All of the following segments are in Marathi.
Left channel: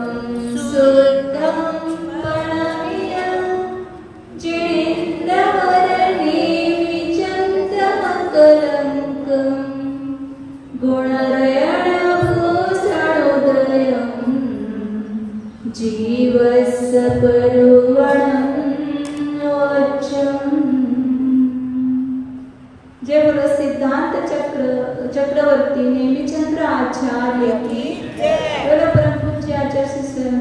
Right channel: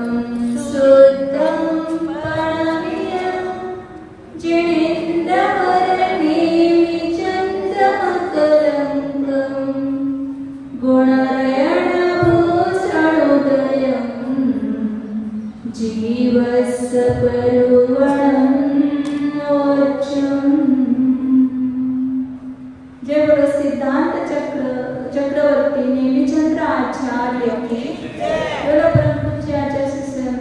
शुद्धं पणवीयं जिनेन्द्रवर्णे विचन्द्रमकरङ्कं गुणरयणभूषणोदयं जीवस्सपरुवणं वचम्। जय बोलो सिद्धांत चक्रवर्ती नेमिचंद्र आचार्य की बोलो परम पूज्य आचार्य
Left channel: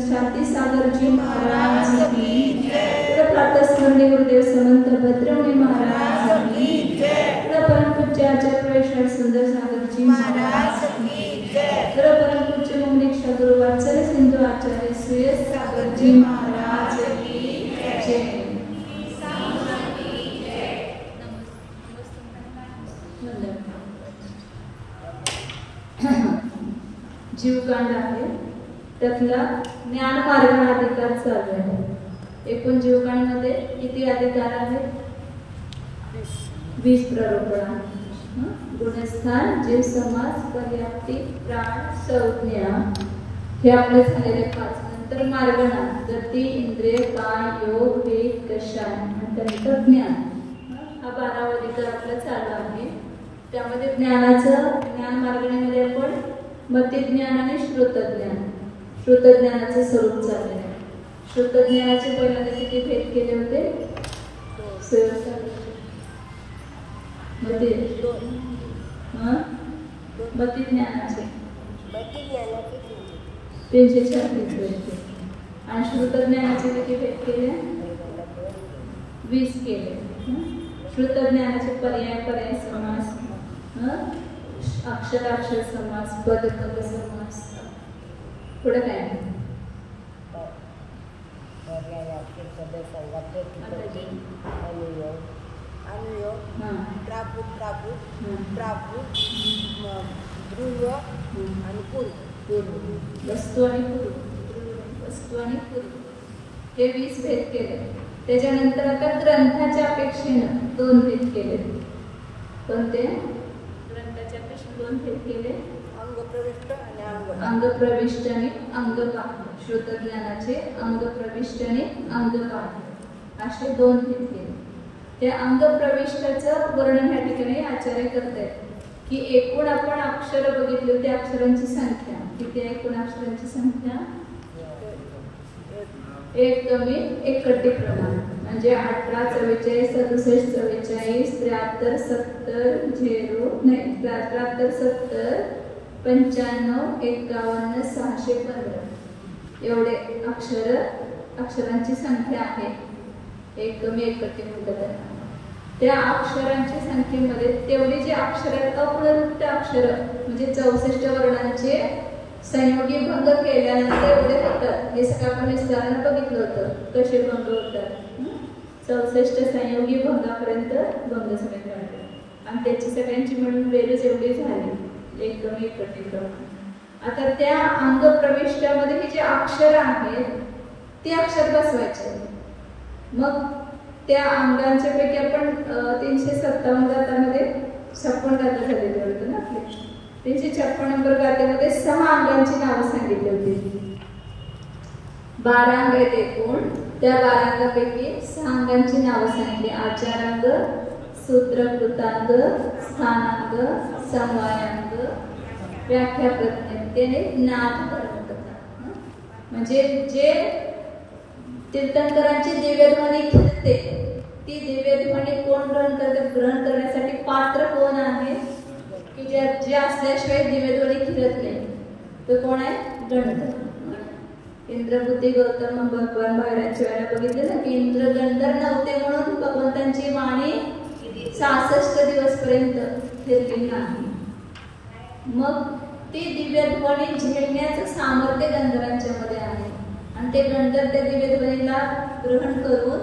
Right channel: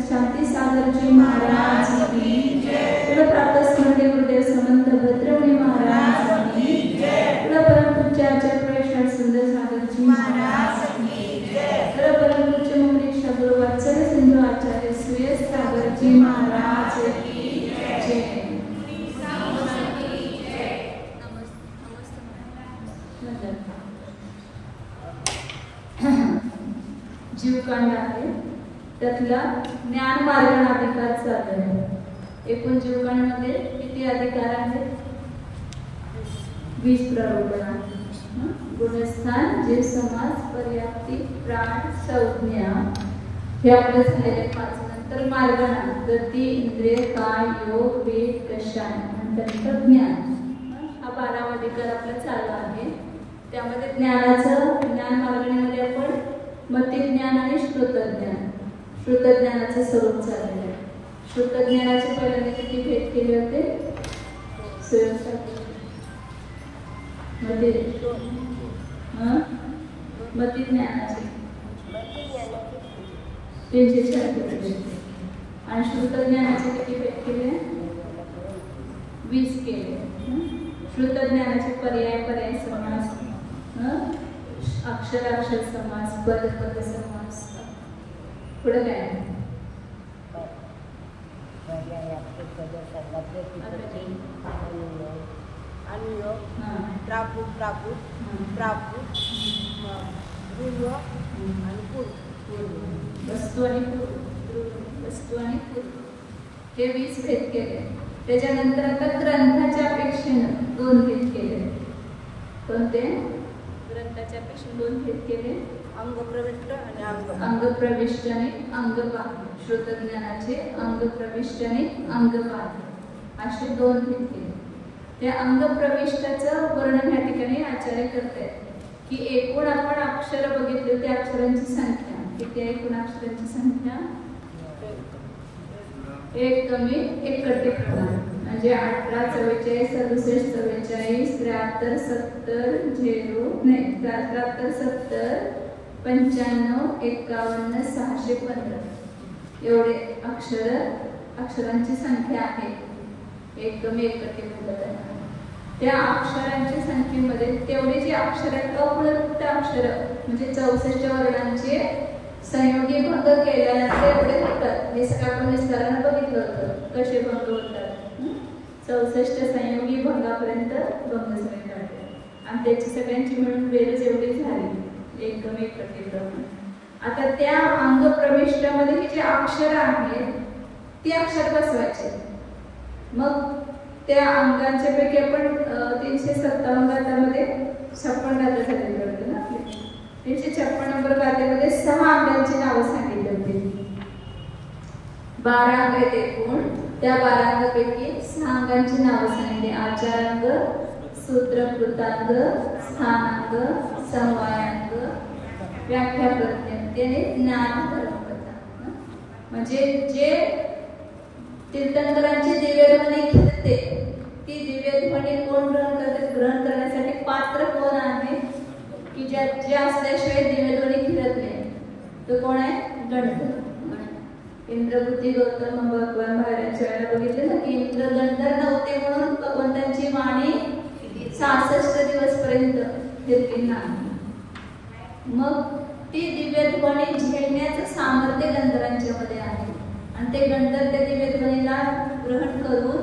शांति सागर जी महाराज की बोलो प्रातः स्मरणीय गुरुदेव समंत भद्रमुनि महाराज की बोलो परम पूज्य आचार्य प्रेषण सुंदर सागर जी महाराज की बोलो परम पूज्य मुनीक्षा गुरु वात्सल्य सिंधु आचार्य सुयश सागर जी महाराज की जय। जीवकांड आहे त्यातला ज्ञान मार्ग अधिकार चालू आहे। एकूण जीवकांडमध्ये किती अधिकार आहेत? 20 प्ररोपण, गुणस्थान, जीव समास, पर्याप्ती, प्राण, संज्ञा हे आपले झालेले 5। नंतर मार्गणा गती, इंद्रिय, काय, योग, वेद, कषाय, नंतर ज्ञान हा 12वा अधिकार आपला चालू आहे। त्यामध्ये ज्ञान मार्गणेमध्ये आपण मतिज्ञान आणि श्रुतज्ञान, श्रुतज्ञानाचे स्वरूप चालले आहे। श्रुतज्ञानाचे पहिल्यांदा किती भेद केले होते? मतिज्ञानाचे 336 आणि श्रुतज्ञानाचे किती भेद केले? 20 केले। श्रुतज्ञानाचे पर्याय समास, अक्षर समास, पद समास, पुढे काय? वस्तू आणि पूर्व हे 20 भेद केले। त्याच्यानंतर आता ग्रंथाच्या अपेक्षेनं 2 भेद केले। कोणते? ग्रंथाच्या अपेक्षा 2 भेद केले, अंगप्रविष्ट आणि अंगबाह्य। श्रुतज्ञानाचे अंगप्रविष्ट आणि अंगबाह्य असे 2 भेद केले। त्या अंगप्रविष्टाचं वर्णन या ठिकाणी आचार्य करतायत की एकूण आपण अक्षर बघितले त्या अक्षरांची संख्या किती आहे? एकूण अक्षरांची संख्या 1 कमी 1 प्रमाण म्हणजे 18, 44, 67, 44, 73, 70, 73, 70, 95, 51, 615 एवढे अक्षरांची संख्या आहे। 1 कमी 1 त्या अक्षरांच्या संख्येमध्ये तेवढे जे अक्षर आहेत अपूर्णांक अक्षर म्हणजे 64 वर्णांचे संयोगी भंग केल्यानंतर एवढे होतात। हे आपण विस्ताराने बघितलं होतं कसे भंग होतात। 64 संयोगी भंगापर्यंत भंग समीकरण आहे आणि त्याची सगळ्यांची मिळून बेरीज एवढी झाली 1 कमी 1 प्रमाण। आता त्या अंग प्रविष्टामध्ये हे जे अक्षर आहेत ते अक्षर बसवायचे। मग त्या अंगांच्या पैकी आपण 357 गाथामध्ये 56 गाथा झालेली होती ना आपली। 356 नंबर गाथेमध्ये 6 अंगांची नावं सांगितली होती। 12 अंग आहेत एकूण, त्या 12 अंगापैकी 6 अंगांची नावं सांगितली। आचारांग, सूत्रकृतांग, स्थानांग, समवायांग, व्याख्या प्रज्ञप्ती आणि ज्ञान कर्मकथा। म्हणजे जे तीर्थंकरांची दिव्यध्वनी घेते ती दिव्यध्वनी कोण ग्रहण करण्यासाठी पात्र कोण आहे की जे असल्याशिवाय दिव्यध्वनी फिरत नाही तो कोण आहे? गंधर्व। इंद्रबुद्धी गौतम भगवान बाहेरच्या वेळेला बघितलं ना की इंद्र गंधर्व नव्हते म्हणून भगवंतांची वाणी 66 दिवसपर्यंत फिरली नाही। मग ती दिव्यध्वनी झेलण्याचं सामर्थ्य गंधर्वांच्या मध्ये आहे आणि ते गंधर्व त्या दिव्यध्वनीला ग्रहण करून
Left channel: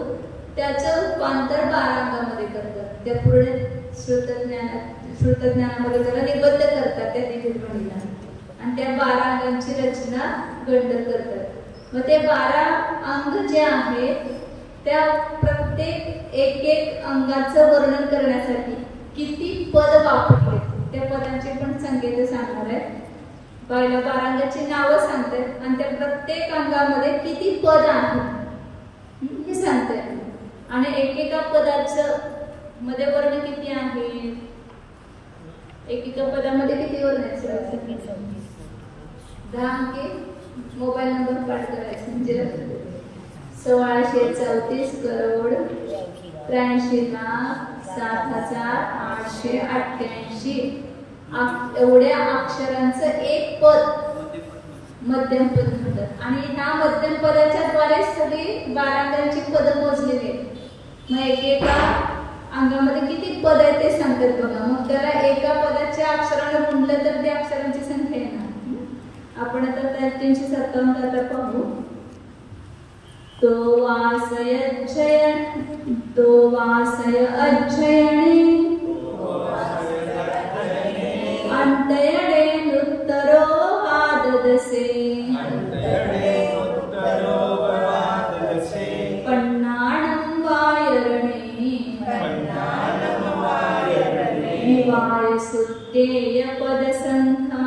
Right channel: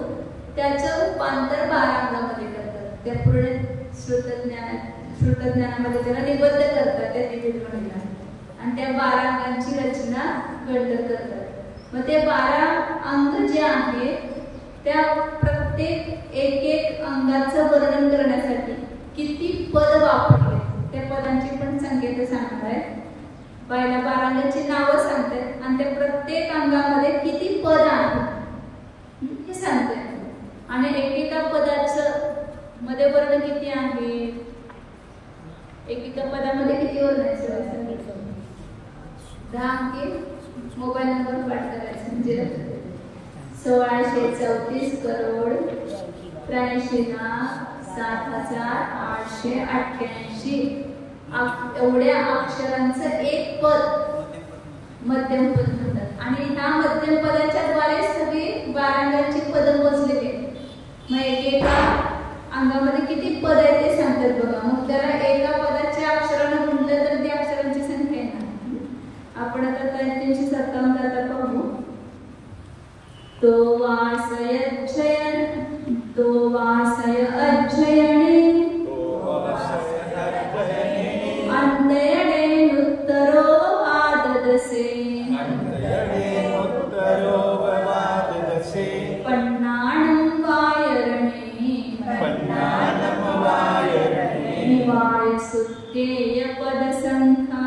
त्याचं रूपांतर 12 अंगामध्ये करतात। त्या पूर्ण श्रुतज्ञानामध्ये त्याला निबद्ध करतात त्या दिव्यध्वनीला आणि त्या 12 अंगांची रचना गंधर्व करतात। मग ते 12 अंग जे आहेत त्या प्रत्येक एक अंगाचं वर्णन करण्यासाठी किती पद वापरले त्या पदांचे पण संकेत सांगणार आहे। पहिल्या 12 अंगाची नावं सांगते आणि त्या प्रत्येक अंगामध्ये किती पद आहेत हे सांगते आणि एकेका पदाचं मध्ये वर्ण किती आहे, एकेका पदामध्ये किती वर्ण आहेत 10 अंकी मोबाईल नंबर पाठ करायचा म्हणजे 1634 करोड 83,07,888 एवढ्या अक्षरांचं एक पद मध्यम पद म्हणतात आणि ह्या मध्यम पदाच्या द्वारे सगळी 12 अंगाची पद मोजलेली आहेत। मग एकेका अंगामध्ये किती पद आहेत ते सांगतात बघा। मग त्याला एका पदाच्या अक्षरानं गुणलं तर त्या अक्षरांची संख्या येणार। आपण आता 357 आता पाहू। तो वासय अध्ययने अंतयडे नुत्तरो वाददसे पन्नाणं वायरणे विवाय सुत्तेय पदसंख्या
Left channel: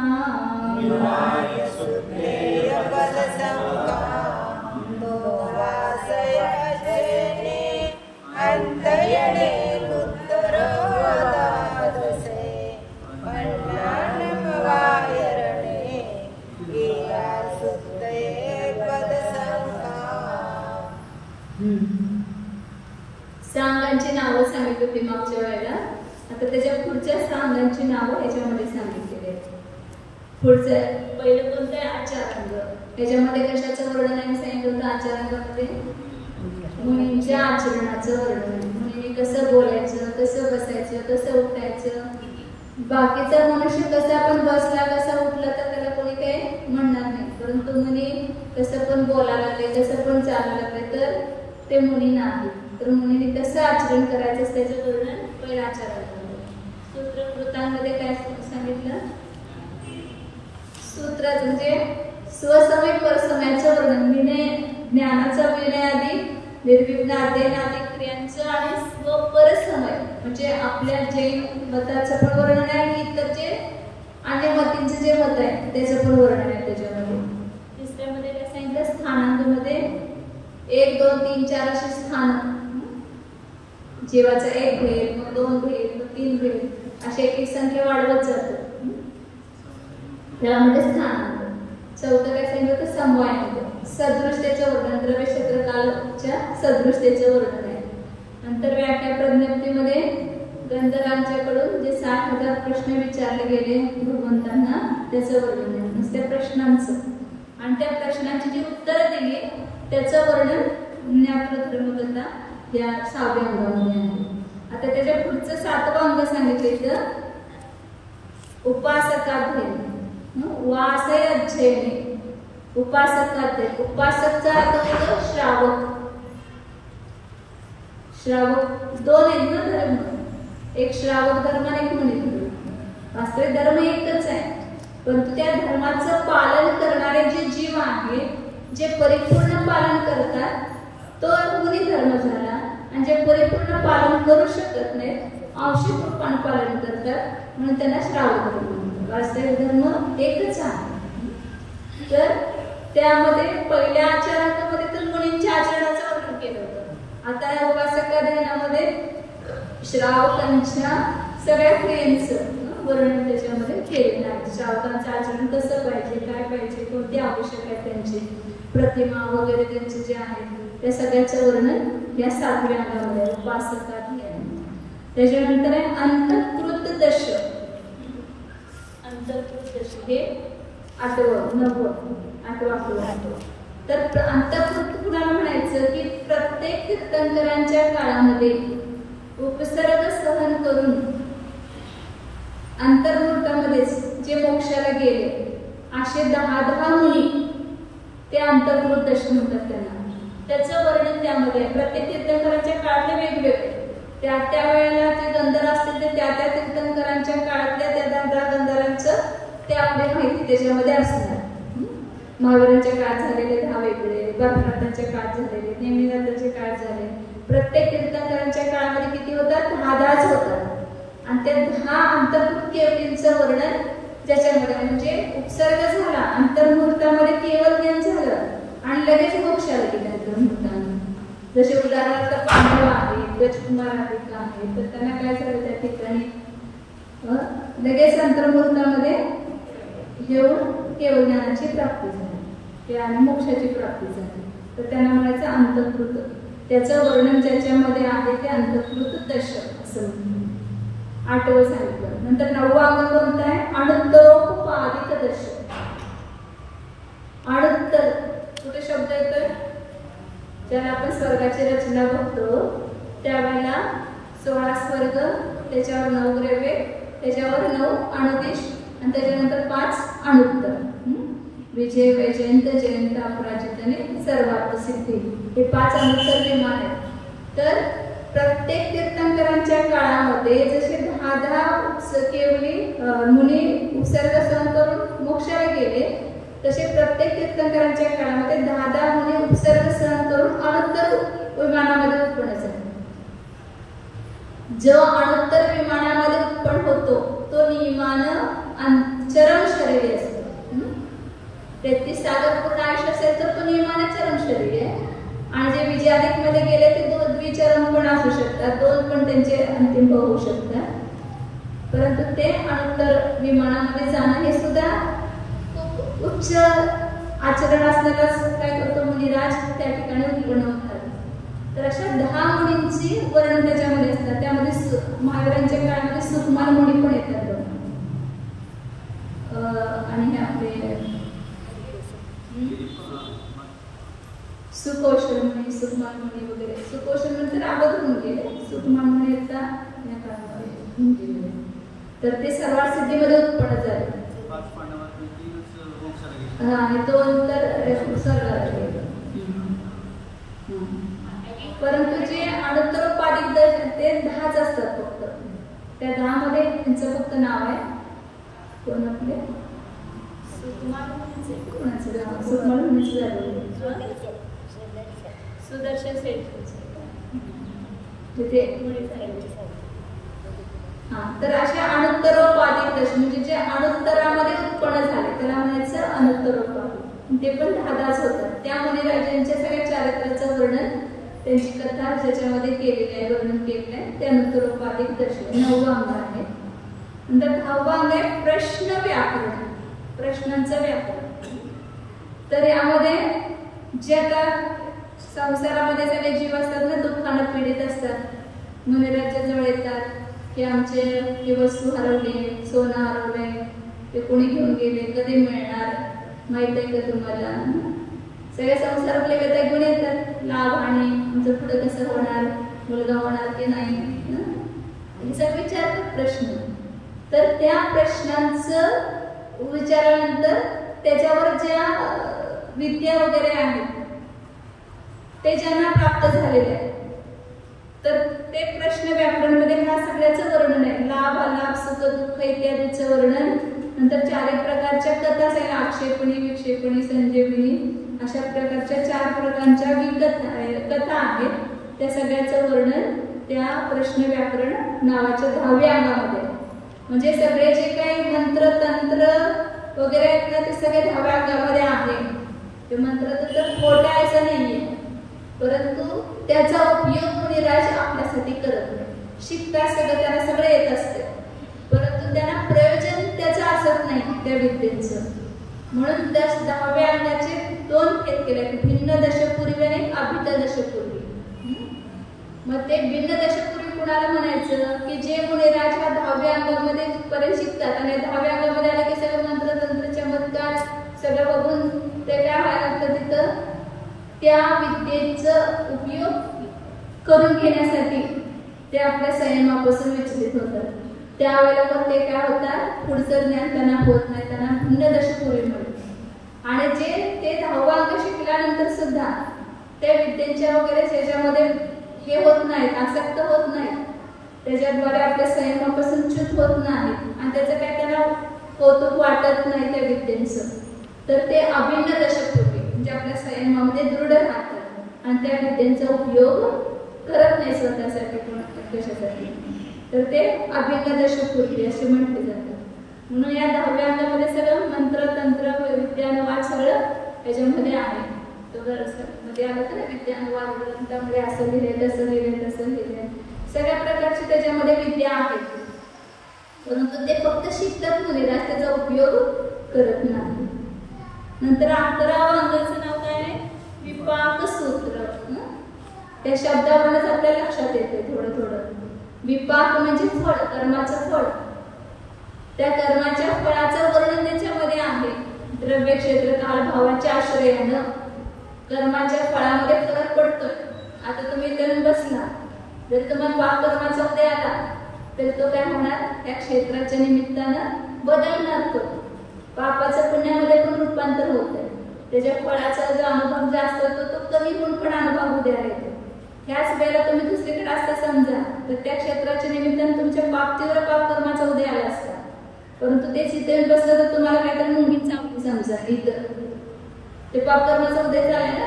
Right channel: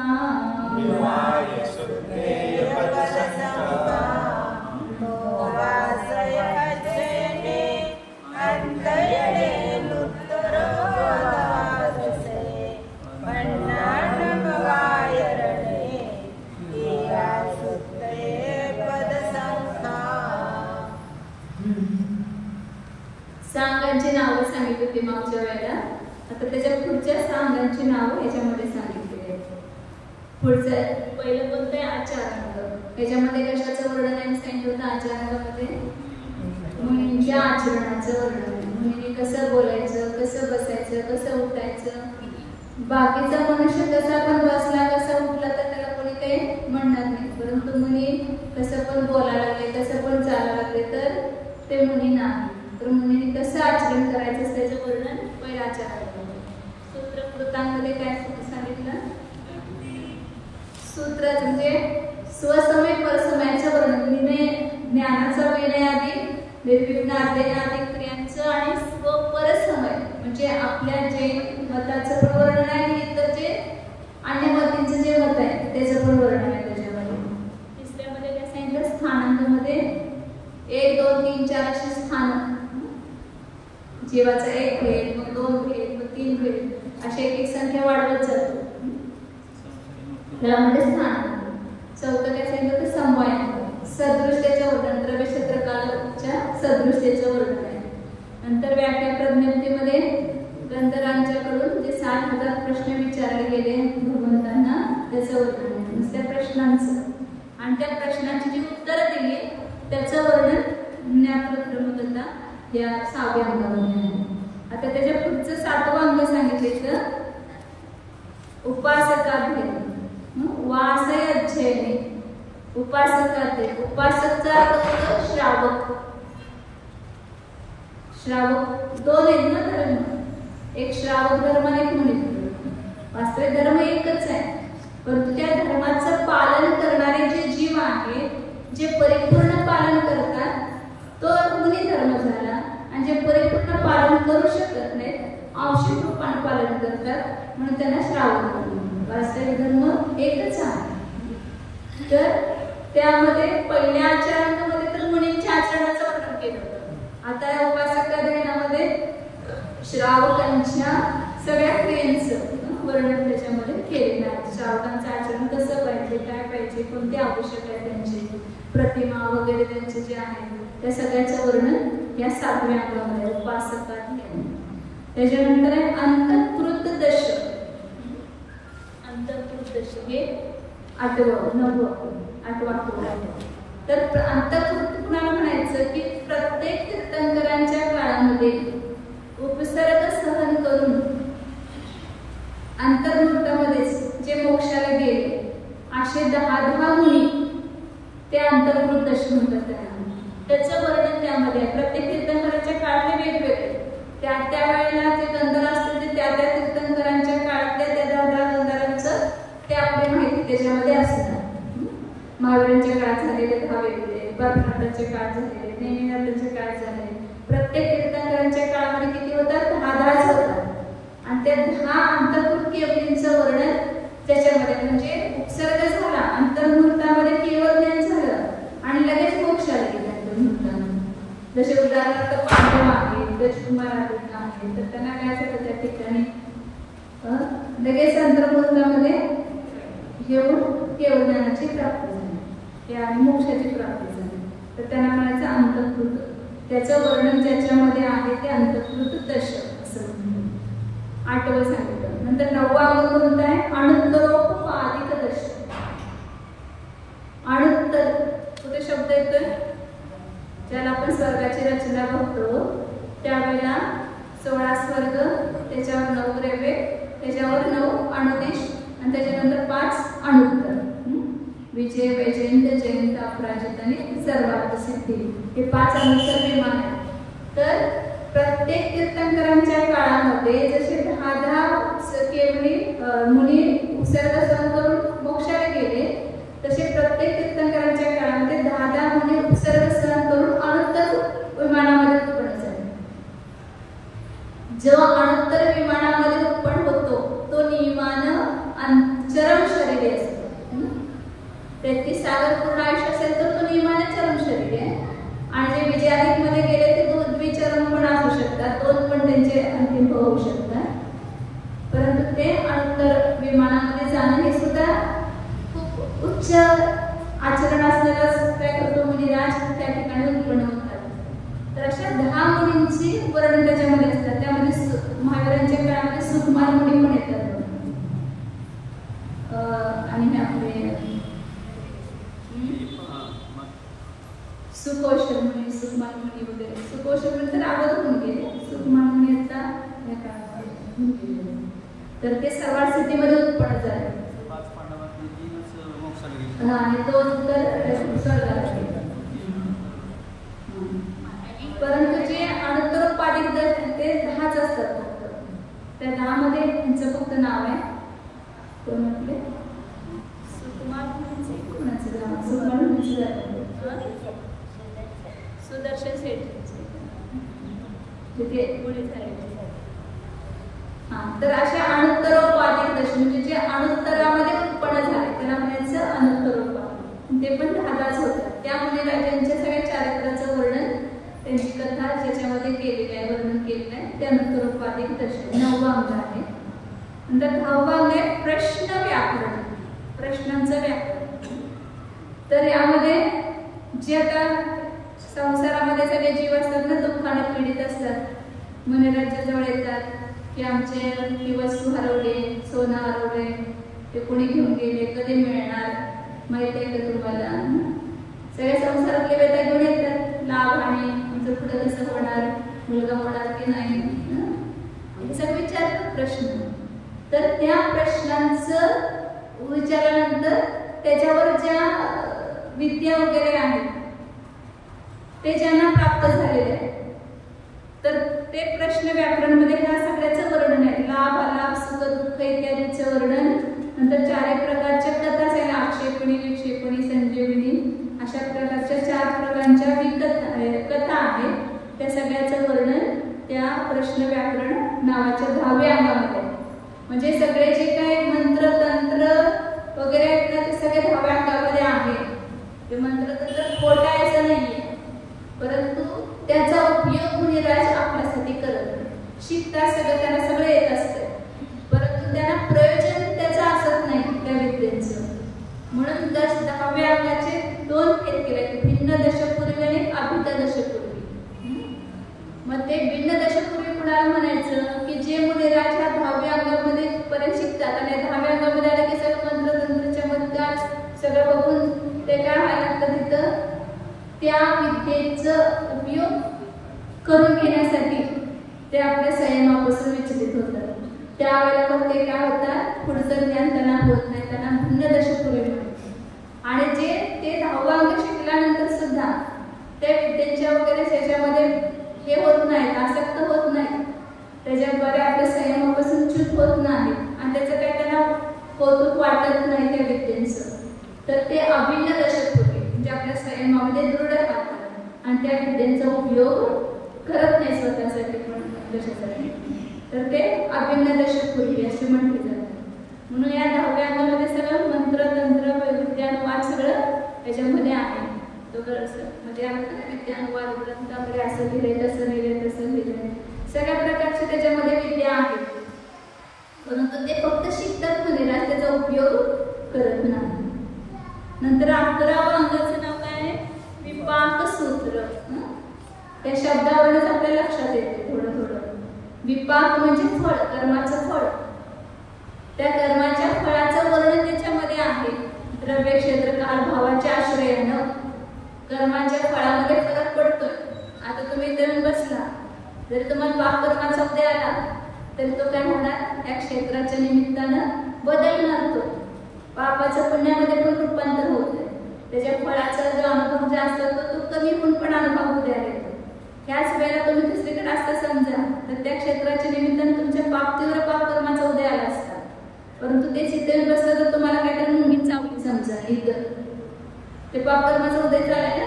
सांगांची नावं सांगितली होती मागच्या वेळेला। आता त्याच्या पुढच्या सांगांची नावं याच्यामध्ये सांगितलेली आहेत। पुढचं पहिलं कोणतं आहे आचारांग। त्याच्यामध्ये कशाचं वर्णन आहे सांगितलं होतं आचारांगामध्ये मुनींच्या आचरणाचं वर्णन आहे। मुनींनी कसं बोलायचं, कसं बसायचं, कसं उठायचं। बाकीचा मनुष्य कसा पण बसला कसा उठला तर त्याला कोणी काही म्हणणार नाही, परंतु मुनी कसं पण बोलायला लागले कसं पण चालायला लागले तर ते मुनी नाही। तर मुनींनी कसं आचरण करायचं त्याचं वर्णन पहिल्या आचारांमध्ये। सूत्रकृतांमध्ये काय सांगितलं, सूत्र म्हणजे स्वसमय परसमयाचं वर्णन। विनय ज्ञानाचा विनय आधी निर्विघ्न आदी क्रियांचं आणि स्वपरसमय म्हणजे आपल्या जे मताचं पण वर्णन आहे आणि इतर जे अन्य मतींचं जे मत आहे त्याचं पण वर्णन आहे त्याच्यामध्ये। तिसऱ्यामध्ये काय सांगितलं, स्थानांमध्ये 1 2 3 4 अशी स्थान जीवाचा 1 भेद, 2 भेद, 3 भेद अशी एक संख्या वाढवत जाते त्याला म्हणजे स्थान। चौथं काय सांगितलं, समवायांक सदृष्टेचं वर्णन, द्रव्य क्षेत्रकालाच्या सदृष्टेचं वर्णन आहे। नंतर व्याख्या प्रज्ञप्तीमध्ये गंधर्वांच्याकडून जे 60,000 प्रश्न विचारले गेले भगवंतांना त्याचं वर्णन आहे, नुसत्या प्रश्नांचं आणि त्या प्रश्नांची जी उत्तरं दिली त्याचं वर्णन ज्ञानप्रक्रमकथा या 6व्या अंगामध्ये आहे। आता त्याच्या पुढचं 7वं अंग सांगितलं उपासकाध्ययन वासय अध्ययने। उपासकाध्ययन उपासकचा अर्थ होतो श्रावक। श्रावक 2 आहेत ना धर्म, एक श्रावक धर्म आणि एक मुनी धर्म। वास्तविक धर्म एकच आहे, परंतु त्या धर्माचं पालन करणारे जे जीव आहेत जे परिपूर्ण पालन करतात तो मुनी धर्म झाला आणि जे परिपूर्ण पालन करू शकत नाही आंशिक रूपाने पालन करतात म्हणून त्यांना श्रावक धर्म। वास्तविक धर्म एकच आहे। तर त्यामध्ये पहिल्या आचरणामध्ये तर मुनींच्या आचरणाचं वर्णन केलं होतं। आता या उपासकाध्ययनामध्ये श्रावकांच्या सगळ्या क्रियांचं वर्णन त्याच्यामध्ये केलेलं आहे। श्रावकांचं आचरण कसं पाहिजे, काय पाहिजे, कोणते आवश्यक आहे त्यांची प्रतिमा वगैरे त्यांचे जे आहे त्या सगळ्याचं वर्णन या 7व्या अंगामध्ये उपासकाध्ययन। त्याच्यानंतर आहे अंतःकृत दश। अंतःकृत दश हे 8वा तर अंतःकृत कुणाला म्हणायचं की प्रत्येक तीर्थंकरांच्या काळामध्ये उपसर्ग सहन करून अंतर्मुहूर्तामध्येच जे मोक्षाला गेले असे 10 मुनी ते अंतःकृत दश म्हणतात त्यांना। त्याचं वर्णन त्यामध्ये आहे। प्रत्येक तीर्थंकरांच्या काळातले वेगवेगळे त्या वेळेला जे गंधर्व असतील ते त्या तीर्थंकरांच्या काळातल्या त्या 10 गंधर्वांचं ते आपली माहिती त्याच्यामध्ये असणार। महावीरांच्या काळात झालेले 10 वेगळे, बर्फनाथांच्या काळात झालेले, नेमिनाथांच्या काळात झाले। प्रत्येक तीर्थंकरांच्या काळामध्ये किती होतात 10 होतात आणि ते 10 अंतःकृत केवलींचं वर्णन ज्याच्यामध्ये म्हणजे उपसर्ग झाला, अंतर्मुहूर्तामध्ये केवळ ज्ञान झालं आणि लगेच मोक्ष आले की अंतर्मुहूर्तामध्ये. जसे उदाहरणार्थ पांडव आहेत, राजकुमार आहेत, तर त्यांना काय झालं त्या ठिकाणी लगेच अंतर्मुहूर्तामध्ये घेऊन केवळ ज्ञानाची प्राप्ती झाली आणि मोक्षाची प्राप्ती झाली. तर त्यांना म्हणायचं अंतःकृत. त्याचं वर्णन ज्याच्यामध्ये आहे ते अंतःकृत दशक असं म्हणतात. 8वं सांगितलं. नंतर 9वं अंग कोणतं आहे? अणुत्तरोपादित दशक. अणुत्तर कुठे शब्द येतोय? ज्याला आपण स्वर्गाची रचना बघतो त्यावेळेला 16 स्वर्ग, त्याच्यावर 9 ग्रहे, त्याच्यावर 9 अणुदेश आणि त्याच्यानंतर 5 अणुत्तर. विजय, वैजयंत, जयंत, अपराजित आणि सर्वार्थ सिद्धी हे 5 अणुत्तर विमान आहेत. तर प्रत्येक तीर्थंकरांच्या काळामध्ये जसे 10 केवली मुनी उपसर्ग सहन करून मोक्षाला गेले, तसे प्रत्येक तीर्थंकरांच्या काळामध्ये 10 मुनी उपसर्ग सहन करून अणुत्तर विमानामध्ये उत्पन्न झाले. जो अणुत्तर विमानामध्ये उत्पन्न होतो तो नियमानं चरम शरीर असतो. 33 सागर पूर्ण आयुष्य असेल तर तो नियमाने चरम शरीर आहे. आणि जे विजयाधिक मध्ये गेले ते द्विचरम पण असू शकतात, 2 पण त्यांचे अंतिम होऊ शकतात. परंतु ते अणुत्तर विमानामध्ये जाणं हे सुद्धा खूप उच्च आचरण असणारा काय करतो मुनिराज त्या ठिकाणी उत्पन्न होतात. तर अशा 10 मुनींची वर्णन त्याच्यामध्ये असतात. त्यामध्ये महावीरांच्या काळामध्ये सुकुमार मुनी पण येतात आणि आपले सुकौशल मुनी, सुकुमार मुनी वगैरे. सुकौशल मुनी तर अगोदर होऊन गेले, सुकुमार मुनी येतात या काळामध्ये. तर ते सर्वार्थ सिद्धीमध्ये उत्पन्न झाले. आणि 2 तर स्वर्गाला गेले. परंतु जे अणुत्तरोपादित ते 10च असतात फक्त. त्या 10 मध्ये त्यांचं फक्त नाव आहे. कोण आपले सुकुमार मुनीचे कोणाचं नाव? सुकुमार मुनीचं झालं सुदर्शन सेठ तिथे मुली झाले. तर अशा अणुत्तरोपादित दशक म्हणजे जे अणुत्तरामध्ये उत्पन्न झाले त्याला म्हणायचं अणुत्तरोपादित. ते पण 10च होतं. त्या मुनिराजांच्या सगळ्या चारित्र्याचं वर्णन, त्यांची कथा ज्याच्यामध्ये केलेली आहे, वर्णन केलेलं आहे, ते अणुत्तरोपादित दशक 9वं अंग आहे. नंतर 10वं अंग आहे प्रश्न व्याकरण. प्रश्नांचं व्याकरण. तर यामध्ये जे आता संसारामध्ये सगळे जीव असतात ना, दुःखाने पीडित असतात, मुनिराजाच्या जवळ येतात की आमचे ही वस्तू हरवली, सोनं हरवले, ते कोणी घेऊन गेले, कधी मिळणार, माहित आहे का तुम्हाला? सगळे संसारातले व्यथा घेऊन येतात, लाभ आणि आमचं पुढे कसं होणार, मुलगा होणार की नाही, हे सगळे विचारतात प्रश्न. तर त्या प्रश्नांचं विचारानंतर त्याच्यावर ज्या विद्या वगैरे आहेत ते ज्यांना प्राप्त झालेले आहे, तर ते प्रश्न व्याकरणमध्ये ह्या सगळ्याचं वर्णन आहे. लाभ, अलाभ, सुख, दुःख इत्यादीचं वर्णन. नंतर 4 प्रकारच्या कथाच आहे. आक्षेपणी, विक्षेपणी, संजीवनी अशा प्रकारच्या 4 प्रकारच्या कथा आहेत. त्या सगळ्याचं वर्णन त्या प्रश्न व्याकरण नावाच्या 10व्या अंगामध्ये. म्हणजे सगळे जे काही मंत्र, तंत्र वगैरे आहेत ना ते सगळे 10व्या अंगामध्ये आहे. ते मंत्र तर खोटायचं नाहीये, परंतु त्याचा उपयोग मुनिराज आपल्यासाठी करत नाही. शिकतात सगळं, त्यांना सगळं येत असते, परंतु त्यांना प्रयोजन त्याचं असत नाही त्या विद्येचं. म्हणून 10व्या अंगाचे 2 भेद केले, भिन्न दशपूर्वी आणि अभित दशपूर्वी. मग ते भिन्न दशपूर्वी कुणाला म्हणायचं की जे मुनिराज ह्या 10व्या अंगामध्ये पर्यंत शिकतात आणि 10व्या अंगामध्ये आले की सगळं मंत्र, तंत्र, चमत्कार सगळं बघून ते काय व्हायला लागतं, तिथं त्या विद्येचा उपयोग करून घेण्यासाठी ते आपल्या संयमापासून विचलित होतात. त्यावेळेला मग ते काय होतात, पुढचं ज्ञान त्यांना होत नाही, त्यांना भिन्न दशपूर्वी म्हणतात. आणि जे ते 10वं अंग शिकल्यानंतर सुद्धा त्या विद्येच्या वगैरे त्याच्यामध्ये हे होत नाहीत, आसक्त होत नाही, त्याच्याद्वारे आपल्या संयमापासून च्युत होत नाही आणि त्याचं काही त्यांना कौतुक वाटत नाही त्या विद्येचं, तर ते अभिन्न दशपूर्वी म्हणजे आपल्या संयमामध्ये दृढ राहतात आणि त्या विद्येचा उपयोग करत नाही स्वतःसाठी पण कशासाठी, तर ते अभिन्न दशपूर्वी असे म्हटले जातात. म्हणून या 10व्या अंगामध्ये सगळं मंत्र तंत्र विद्यानुवाद सगळं त्याच्यामध्ये आहे. तो मध्ये आलं तर विद्यानुवाद ग्रंथामध्ये असं लिहिलंय तसं लिहिलंय तसं लिहिलंय सगळ्या प्रकारचे त्याच्यामध्ये विद्या आहेत. परंतु ते फक्त शिकतात मुलीला त्याचा उपयोग करत नाही. नंतर 11व्या अंगाचं नाव काय आहे? विपाक सूत्र. त्या शब्दावरूनच आपल्या लक्षात येते थोडं थोडं. विपाक म्हणजे फळ, कर्माचं फळ. त्या कर्माच्या फळाचं वर्णन त्याच्यामध्ये आहे. द्रव्य क्षेत्र काल भावाच्या आश्रयानं कर्माच्या फळामध्ये फरक पडतोय. आता तुम्ही इथे बसला, जर तुम्हाला पाप कर्माचा उदय आला तर तो काय होणार? त्या क्षेत्राच्या निमित्तानं बदलणार. तो पापाचं पुण्यामध्ये पण रूपांतर होत आहे. त्याच्या फळाचा जो अनुभव जास्त असतो तो कमी पण अनुभव उद्या येतो. ह्याच वेळेला तुम्ही दुसरीकडे असता समजा तर त्या क्षेत्राच्या निमित्तानं तुमच्या तीव्र पाप कर्माचा उदय आला असता. परंतु ते सिद्धेल बसलं तर तुम्हाला काय तर मुंगी चावली समजा इतर ते पाप कर्माचा उदय झालाय ना.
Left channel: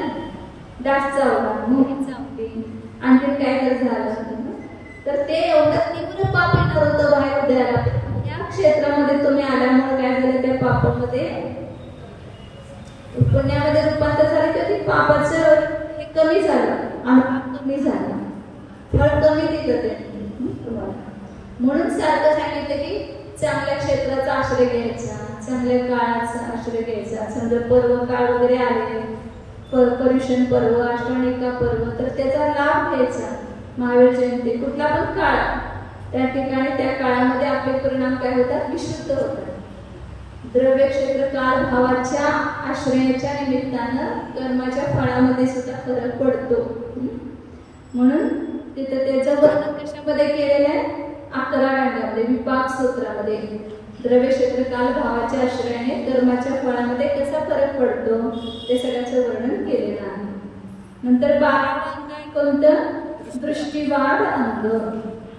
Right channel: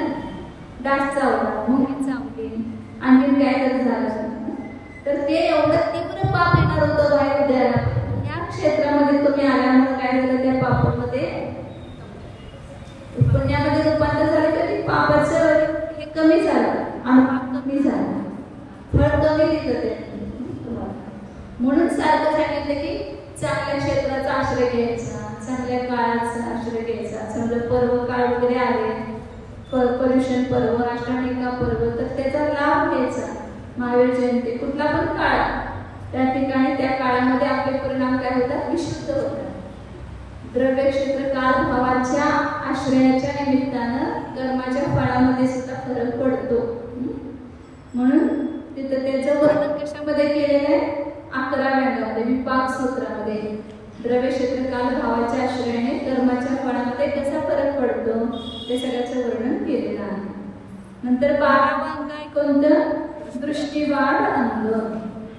डास चावला, मुंगी चावली, आणखी काय तर झालं तर ते एवढं तीव्र पाप येणार होतं बाहेर उदयाला. या क्षेत्रामध्ये तुम्ही आल्यामुळे काय झालं? त्या पापामध्ये पुण्यामध्ये रूपांतर झाले तर ते पापाचं हे कमी झालं, अनुभव कमी झाला, फळ कमी देतं ते. म्हणून सारखं सांगितलं की चांगल्या क्षेत्राचा आश्रय घ्यायचा, चांगल्या काळाचा आश्रय घ्यायचा. समजा पर्व काळ वगैरे आले, पर्युषण पर्व, अष्टमिका पर्व, तर त्याचा लाभ घ्यायचा. महावीर जयंती कुठला पण काळ त्या ठिकाणी त्या काळामध्ये आपले परिणाम काय होतात? विशुद्ध होतात. द्रव्य क्षेत्र काल भावाच्या आश्रयाच्या निमित्तानं कर्माच्या फळामध्ये सुद्धा फरक पडतो. म्हणून तिथं त्याचं वर्णन कशामध्ये केलेलं आहे? 11व्या अंगामध्ये विपाक सूत्रामध्ये द्रव्य क्षेत्र काल भावाच्या आश्रयाने कर्माच्या फळामध्ये कसा फरक पडतो ते सगळ्याचं वर्णन केलेलं आहे. नंतर 12वा अंग आहे कोणतं? दृष्टिवाद अंग.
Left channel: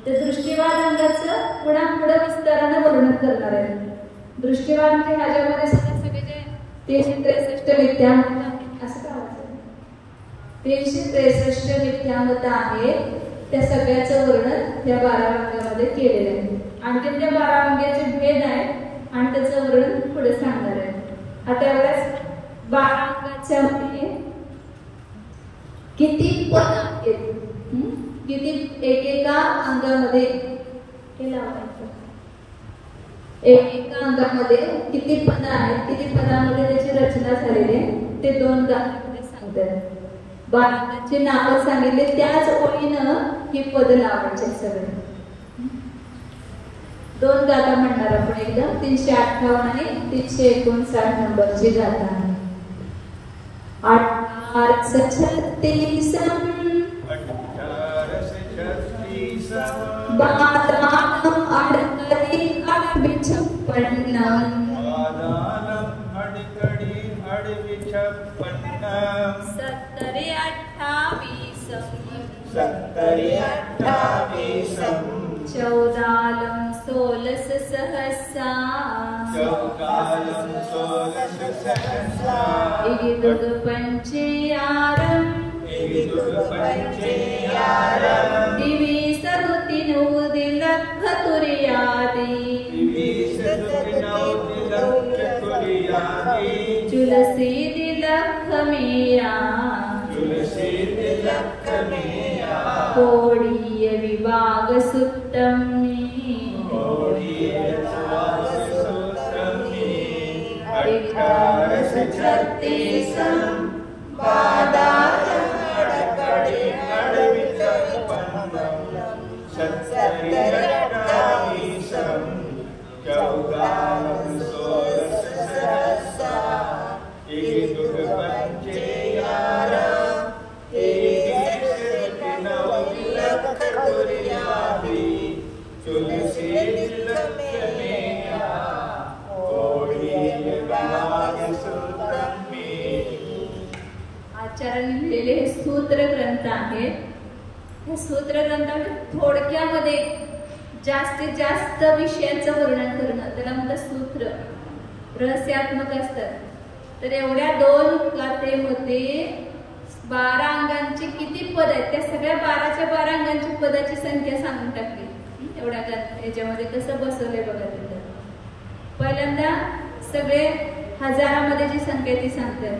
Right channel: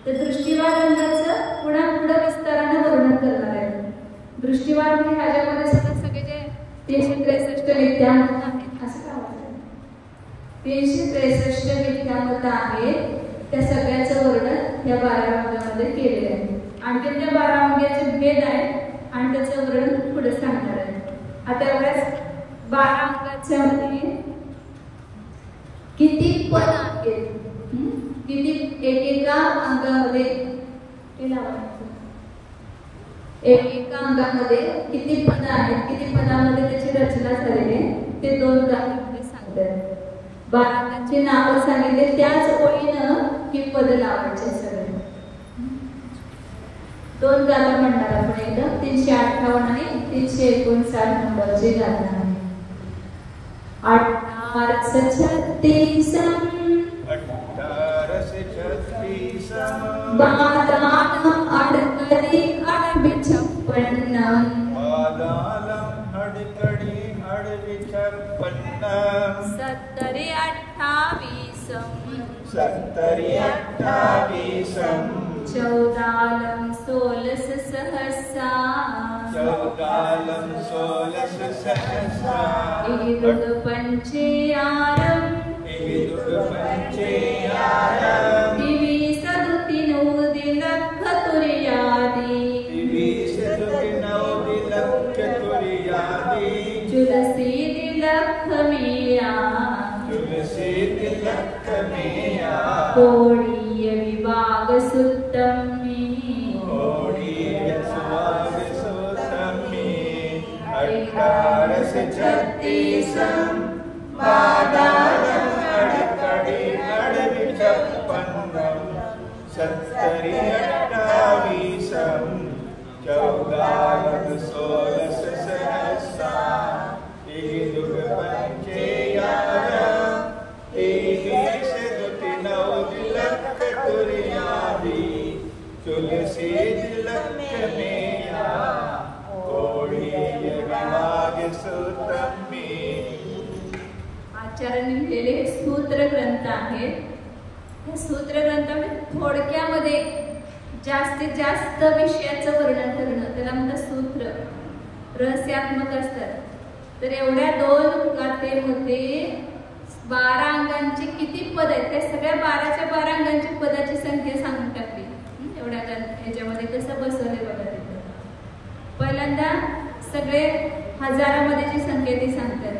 त्या दृष्टिवाद अंगाचं पुन्हा पुढे विस्ताराने वर्णन करणार आहे. दृष्टिवाद म्हणजे ह्याच्यामध्ये सुद्धा सगळे जे 363 विद्यामत आहेत, असं काय वाटतं? 363 विद्यामत आहेत त्या सगळ्याचं वर्णन या 12व्या अंगामध्ये केलेलं आहे. आणखी त्या 12 अंगाचे भेद आहेत आणि त्याचं वर्णन पुढे सांगणार आहे. आता एवढ्याच 12 अंगाच्या किती पद आहेत? किती एकेका अंगामध्ये एका अंगामध्ये किती पद आहेत, किती पदामध्ये त्याची रचना झालेली ते 2 गाथांमध्ये सांगतात. 12 अंगाची नावं सांगितले त्याच ओळीनं ही पद लावायचे सगळे. 2 गाथा म्हणणार आपण एकदम. 358 आणि 359 नंबरची गाथा आहे. 1836 बादालम अडकडी अडबी 56 सत्तरी 28 चौदालम 16 सहसा इदुग पंचयारम दिवी सरुति नूदि लख तुरियादि तुलसी दिलख मिया कोड़ीय विभाग सुत्तमी 1836 बादालम अडकडी अडबी 56 सत्तरी 28 चौदालम 16 सहसा इदुग पंचयारम तुलसी दिलख मिया कोड़ीय विभाग सुत्तमी. आचार्यांनी लिहिलेले हे सूत्र ग्रंथ आहेत. या सूत्र ग्रंथामध्ये थोडक्यामध्ये जास्तीत जास्त विषयाचं वर्णन करणं त्याला म्हणतात सूत्र. रहस्यात्मक असतात. तर एवढ्या 2 गाथेमध्ये 12 अंगांची किती पद आहेत त्या सगळ्या 12च्या 12 अंगांची पदाची संख्या सांगून टाकली. एवढ्या याच्यामध्ये कसं बसवलंय बघा. तिथं पहिल्यांदा सगळे हजारामध्ये जी संख्या ती सांगतात.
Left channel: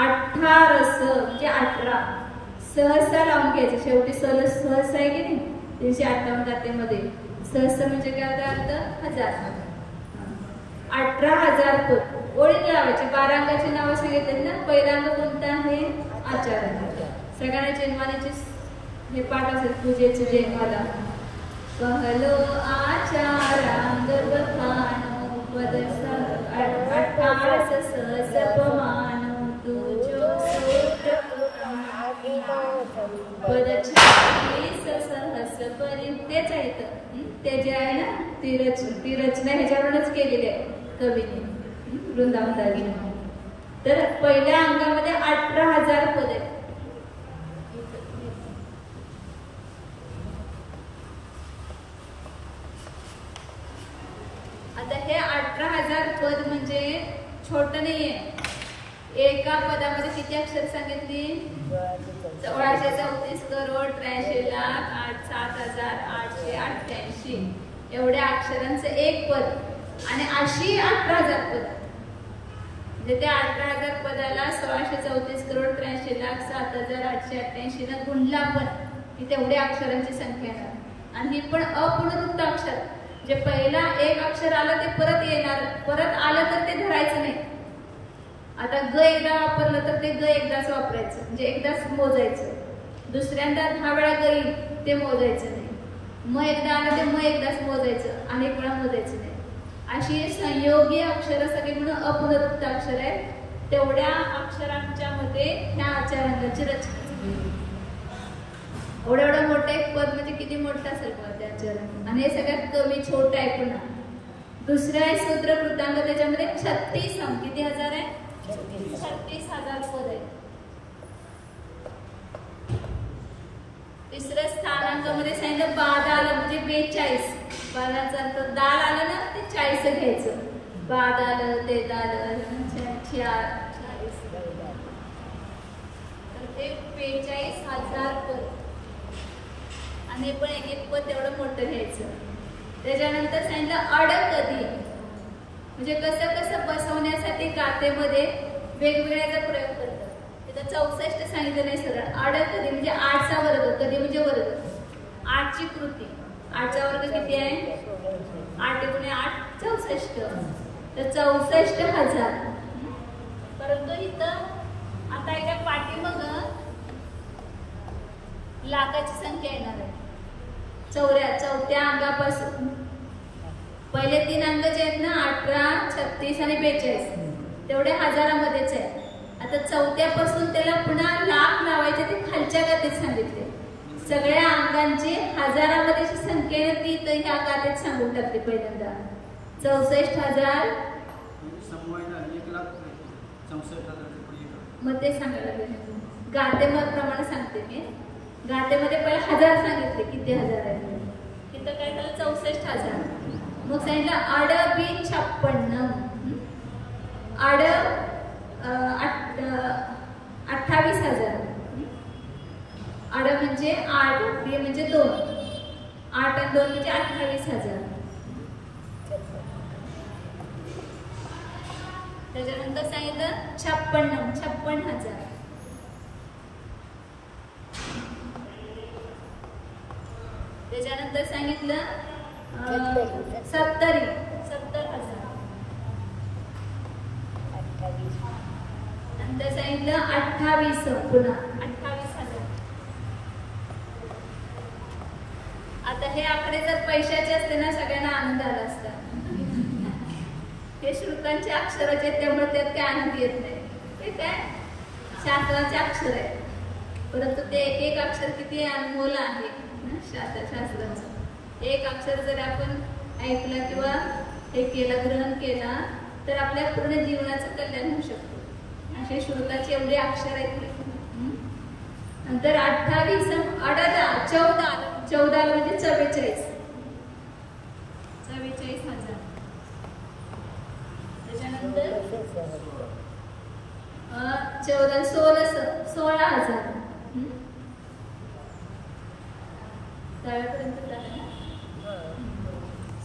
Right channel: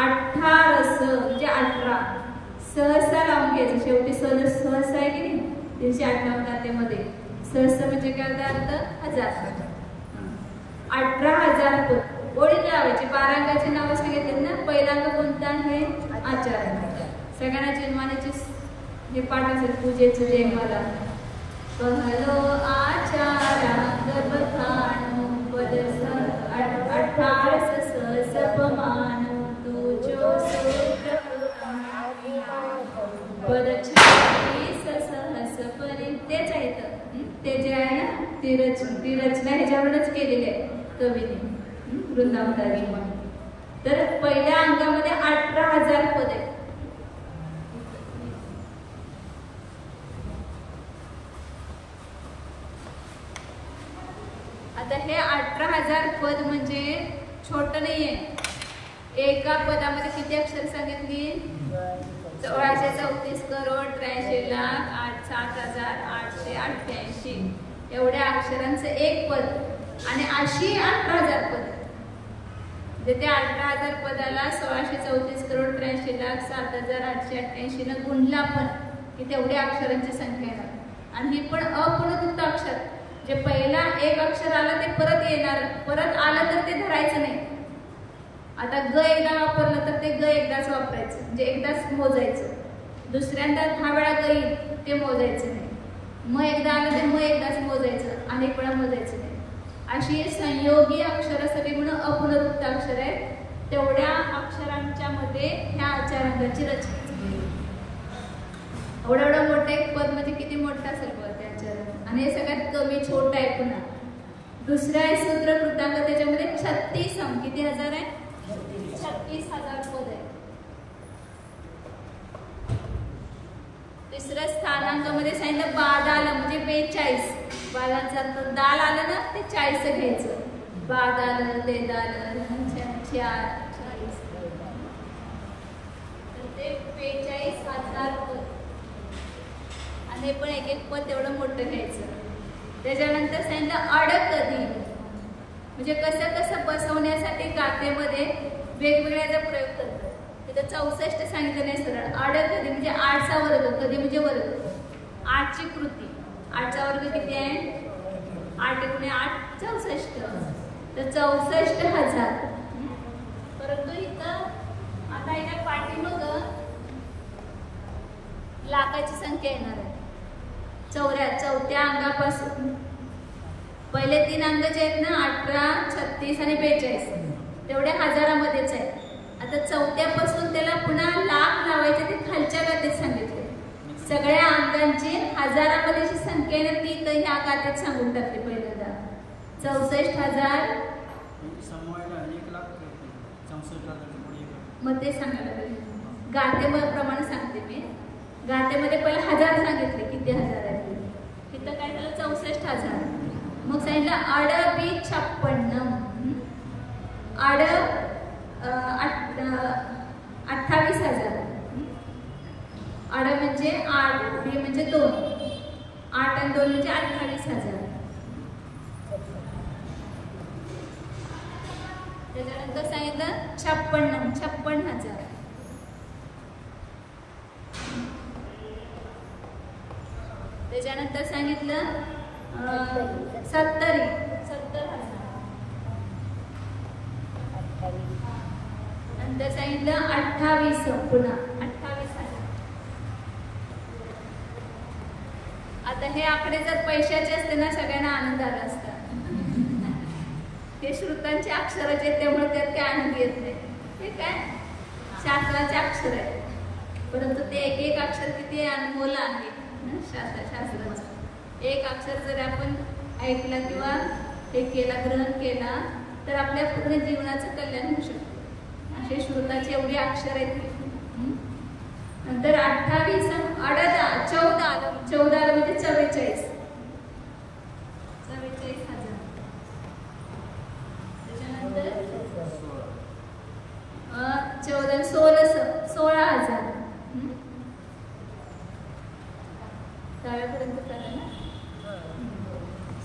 18 म्हणजे 18 सहसा लावून घ्यायचं. शेवटी सहसा आहे की नाही 358 गातेमध्ये. सहसा म्हणजे काय अर्थ 1000. 18,000 पद ओळीत लावायचे. 12 अंकाची नावं सांगितली ना. पहिला अंक कोणता आहे? आचार. सगळ्यांना जन्मानेचे हे पाठ असेल. तुझे तुझे मला कहलो आचारा गर्भखानु पद 18 सहसपमानु तुझो सूत्र पद 26 सहस परी. तेच आहे ते जे आहे ना ती रचना ह्याच्यावरूनच केलेली आहे कवीने वृंदावताजी. तर पहिल्या अंकामध्ये 18,000 पद आहेत. आता हे 18,000 पद म्हणजे छोट नाहीये. एका पदामध्ये किती अक्षर सांगितली? 1634 करोड 83 लाख 7,888 एवढ्या अक्षरांचं एक पद. आणि अशी 18,000 पद म्हणजे त्या 18,000 पदाला 1634 करोड 83 लाख 7,888 न गुणला पण की तेवढ्या अक्षरांची संख्या आहे. आणि ही पण अपुनरुक्त अक्षर. जे पहिला एक अक्षर आलं ते परत येणार. परत आलं तर ते धरायचं नाही. आता ग एकदा वापरलं तर ते ग एकदाच वापरायचं म्हणजे एकदाच मोजायचं. दुसऱ्यांदा 10 वेळा ग येईल ते मोजायचं नाही. म एकदा आलं ते म एकदाच मोजायचं. अनेक वेळा मोजायचं नाही. अशी संयोगी अक्षर सगळी म्हणून अपुनरुक्त अक्षर आहे. तेवढ्या अक्षरांच्या मध्ये ह्या आचारांची रचना. एवढं मोठं एक पद म्हणजे किती मोठं असेल पद त्याच्या. आणि हे सगळ्यात कमी छोट आहे. पुन्हा दुसरा आहे सूत्र कृतांक. त्याच्यामध्ये 36 अंक. किती हजार आहे? 36,000 पद आहे. तिसऱ्या स्थानांकामध्ये सांगितलं बादाल म्हणजे 42. बादाचा अर्थ दाल आलं ना ते 40 घ्यायचं. बादाल ते दाल 40. तर ते 45,000 पद. आणि हे पण एक एक पद तेवढं मोठं घ्यायचं. त्याच्यानंतर सांगितलं अडकधी म्हणजे कसं कसं बसवण्यासाठी गातेमध्ये वेगवेगळ्याचा प्रयोग करतात. तिथं 64 सांगितलं नाही सरळ. अडकधी म्हणजे 8चा वर्ग. कधी म्हणजे वर्ग. 8ची कृती. 8चा वर्ग किती आहे? 8 × 8 64. तर 64,000. परंतु इथं आता एका पाठीमाग लाखाची संख्या येणार आहे. चौथ्या अंगापासून पहिले 3 अंक जे आहेत ना 18, 36 आणि 42 तेवढे हजारामध्येच आहे. आता चौथ्यापासून त्याला पुन्हा लाख लावायचे. ते खालच्या गातेत सांगितले. सगळ्या अंकांची हजारामध्ये संख्या आहे ती तर ह्या गातेत सांगून टाकते. पहिल्यांदा 64,000 मग ते सांगायला लागेल. गातेप्रमाणे सांगते मी. गातेमध्ये पहिले 1000 सांगितले. किती हजार आहे तिथं काय झालं? 64,000. मग सांगितलं अड बी 56. अड 28,000. अड म्हणजे 8 बी म्हणजे 2. 8 आणि 2 म्हणजे 28,000. त्याच्यानंतर सांगितलं 56,000. त्याच्यानंतर सांगितलं 70,000. नंतर सांगितलं 28 पुन्हा 28,000. आता हे आकडे जर पैशाचे असते ना सगळ्यांना आनंद आला असता. हे श्रुतांचे अक्षर आहेत त्यामुळे त्यात काय आनंद येत नाही. हे काय शास्त्राचे अक्षर आहे. परंतु ते एक एक अक्षर किती अनमोल आहे शास्त्राचं. एक अक्षर जर आपण ऐकला किंवा हे केला ग्रहण केला तर आपल्या पूर्ण जीवनाचं कल्याण होऊ शकतं. असे श्रुताचे एवढे अक्षर आहेत. नंतर 28 14 म्हणजे 44,000. त्याच्यानंतर 16,000. त्यावेळेपर्यंत झालं ना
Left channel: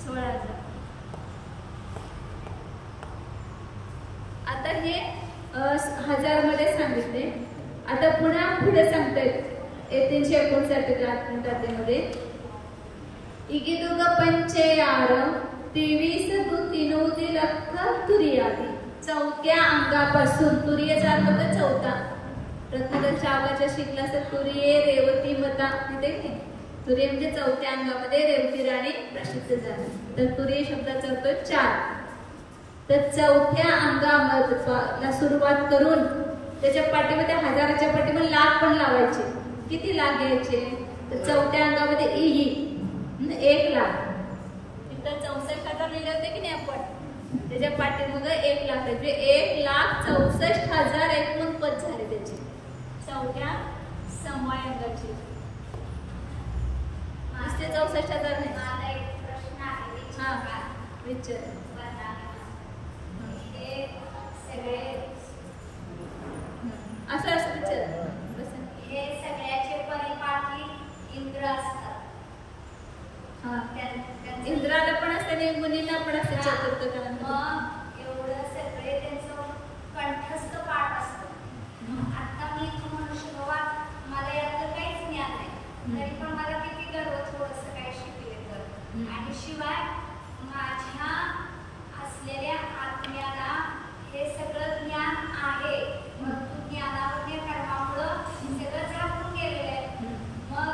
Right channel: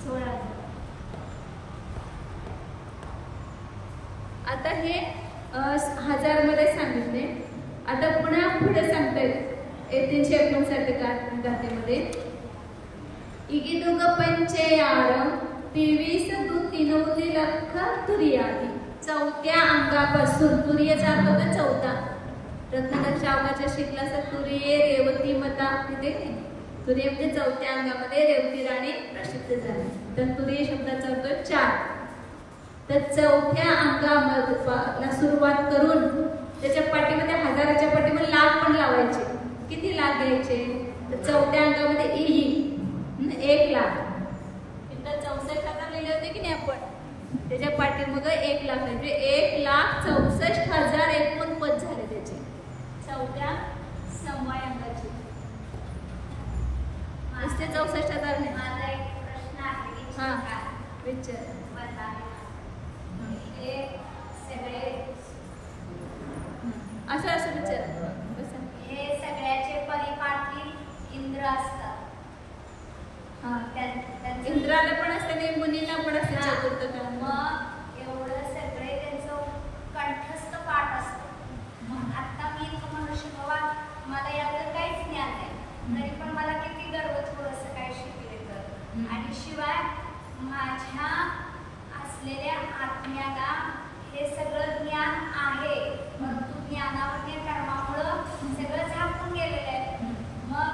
16,000. हे 1000 मध्ये सांगितले. आता पुन्हा पुढे सांगतायत 359 गाथेमध्ये इगिदुग पंचेयारम 23 दु 3 लख तुरियादी. चौथ्या अंगापासून तुरीयचा अर्थ होतो चौथा. रत्नाकरच्या आवाजाच्या शिकला तर तुरिये रेवती मता तिथे तुरिये म्हणजे चौथ्या अंगामध्ये रेवती राणी प्रसिद्ध झाली. तर तुरिये शब्दाचा अर्थ 4. तर चौथ्या अंगाला सुरुवात करून त्याच्या पाठीमध्ये 1000च्या पाठीमध्ये लाख पण लावायचे. किती लाख घ्यायचे तर चौथ्या अंगामध्ये इही 1 लाख. तिथं 64,000 लिहिले होते की नाही आपण, त्याच्या पाठीमागे 1 लाख म्हणजे 1,64,000 एकूण पद झाले त्याचे चौथ्या समवाय अंगाचे. नुसते 64,000 नाही. हा विचार असं असं विचार. हे सगळ्याचे परिपाठी इंद्र असतात. इंद्राला पण असते नाही, मुनींना पण असते चतुर्थ काळ. मग एवढं सगळे त्यांचं कंठस्थ पाठ असतं. आता मी मनुष्य बाबा मला यातलं काहीच ज्ञान नाही, तरी पण मला किती गर्व थोडंसं काही शिकले तर. आणि शिवाय माझ्या असलेल्या आत्म्याला हे सगळं ज्ञान आहे. परंतु ज्ञानावर कर्मामुळं सगळं झाकून गेलेलं आहे. मग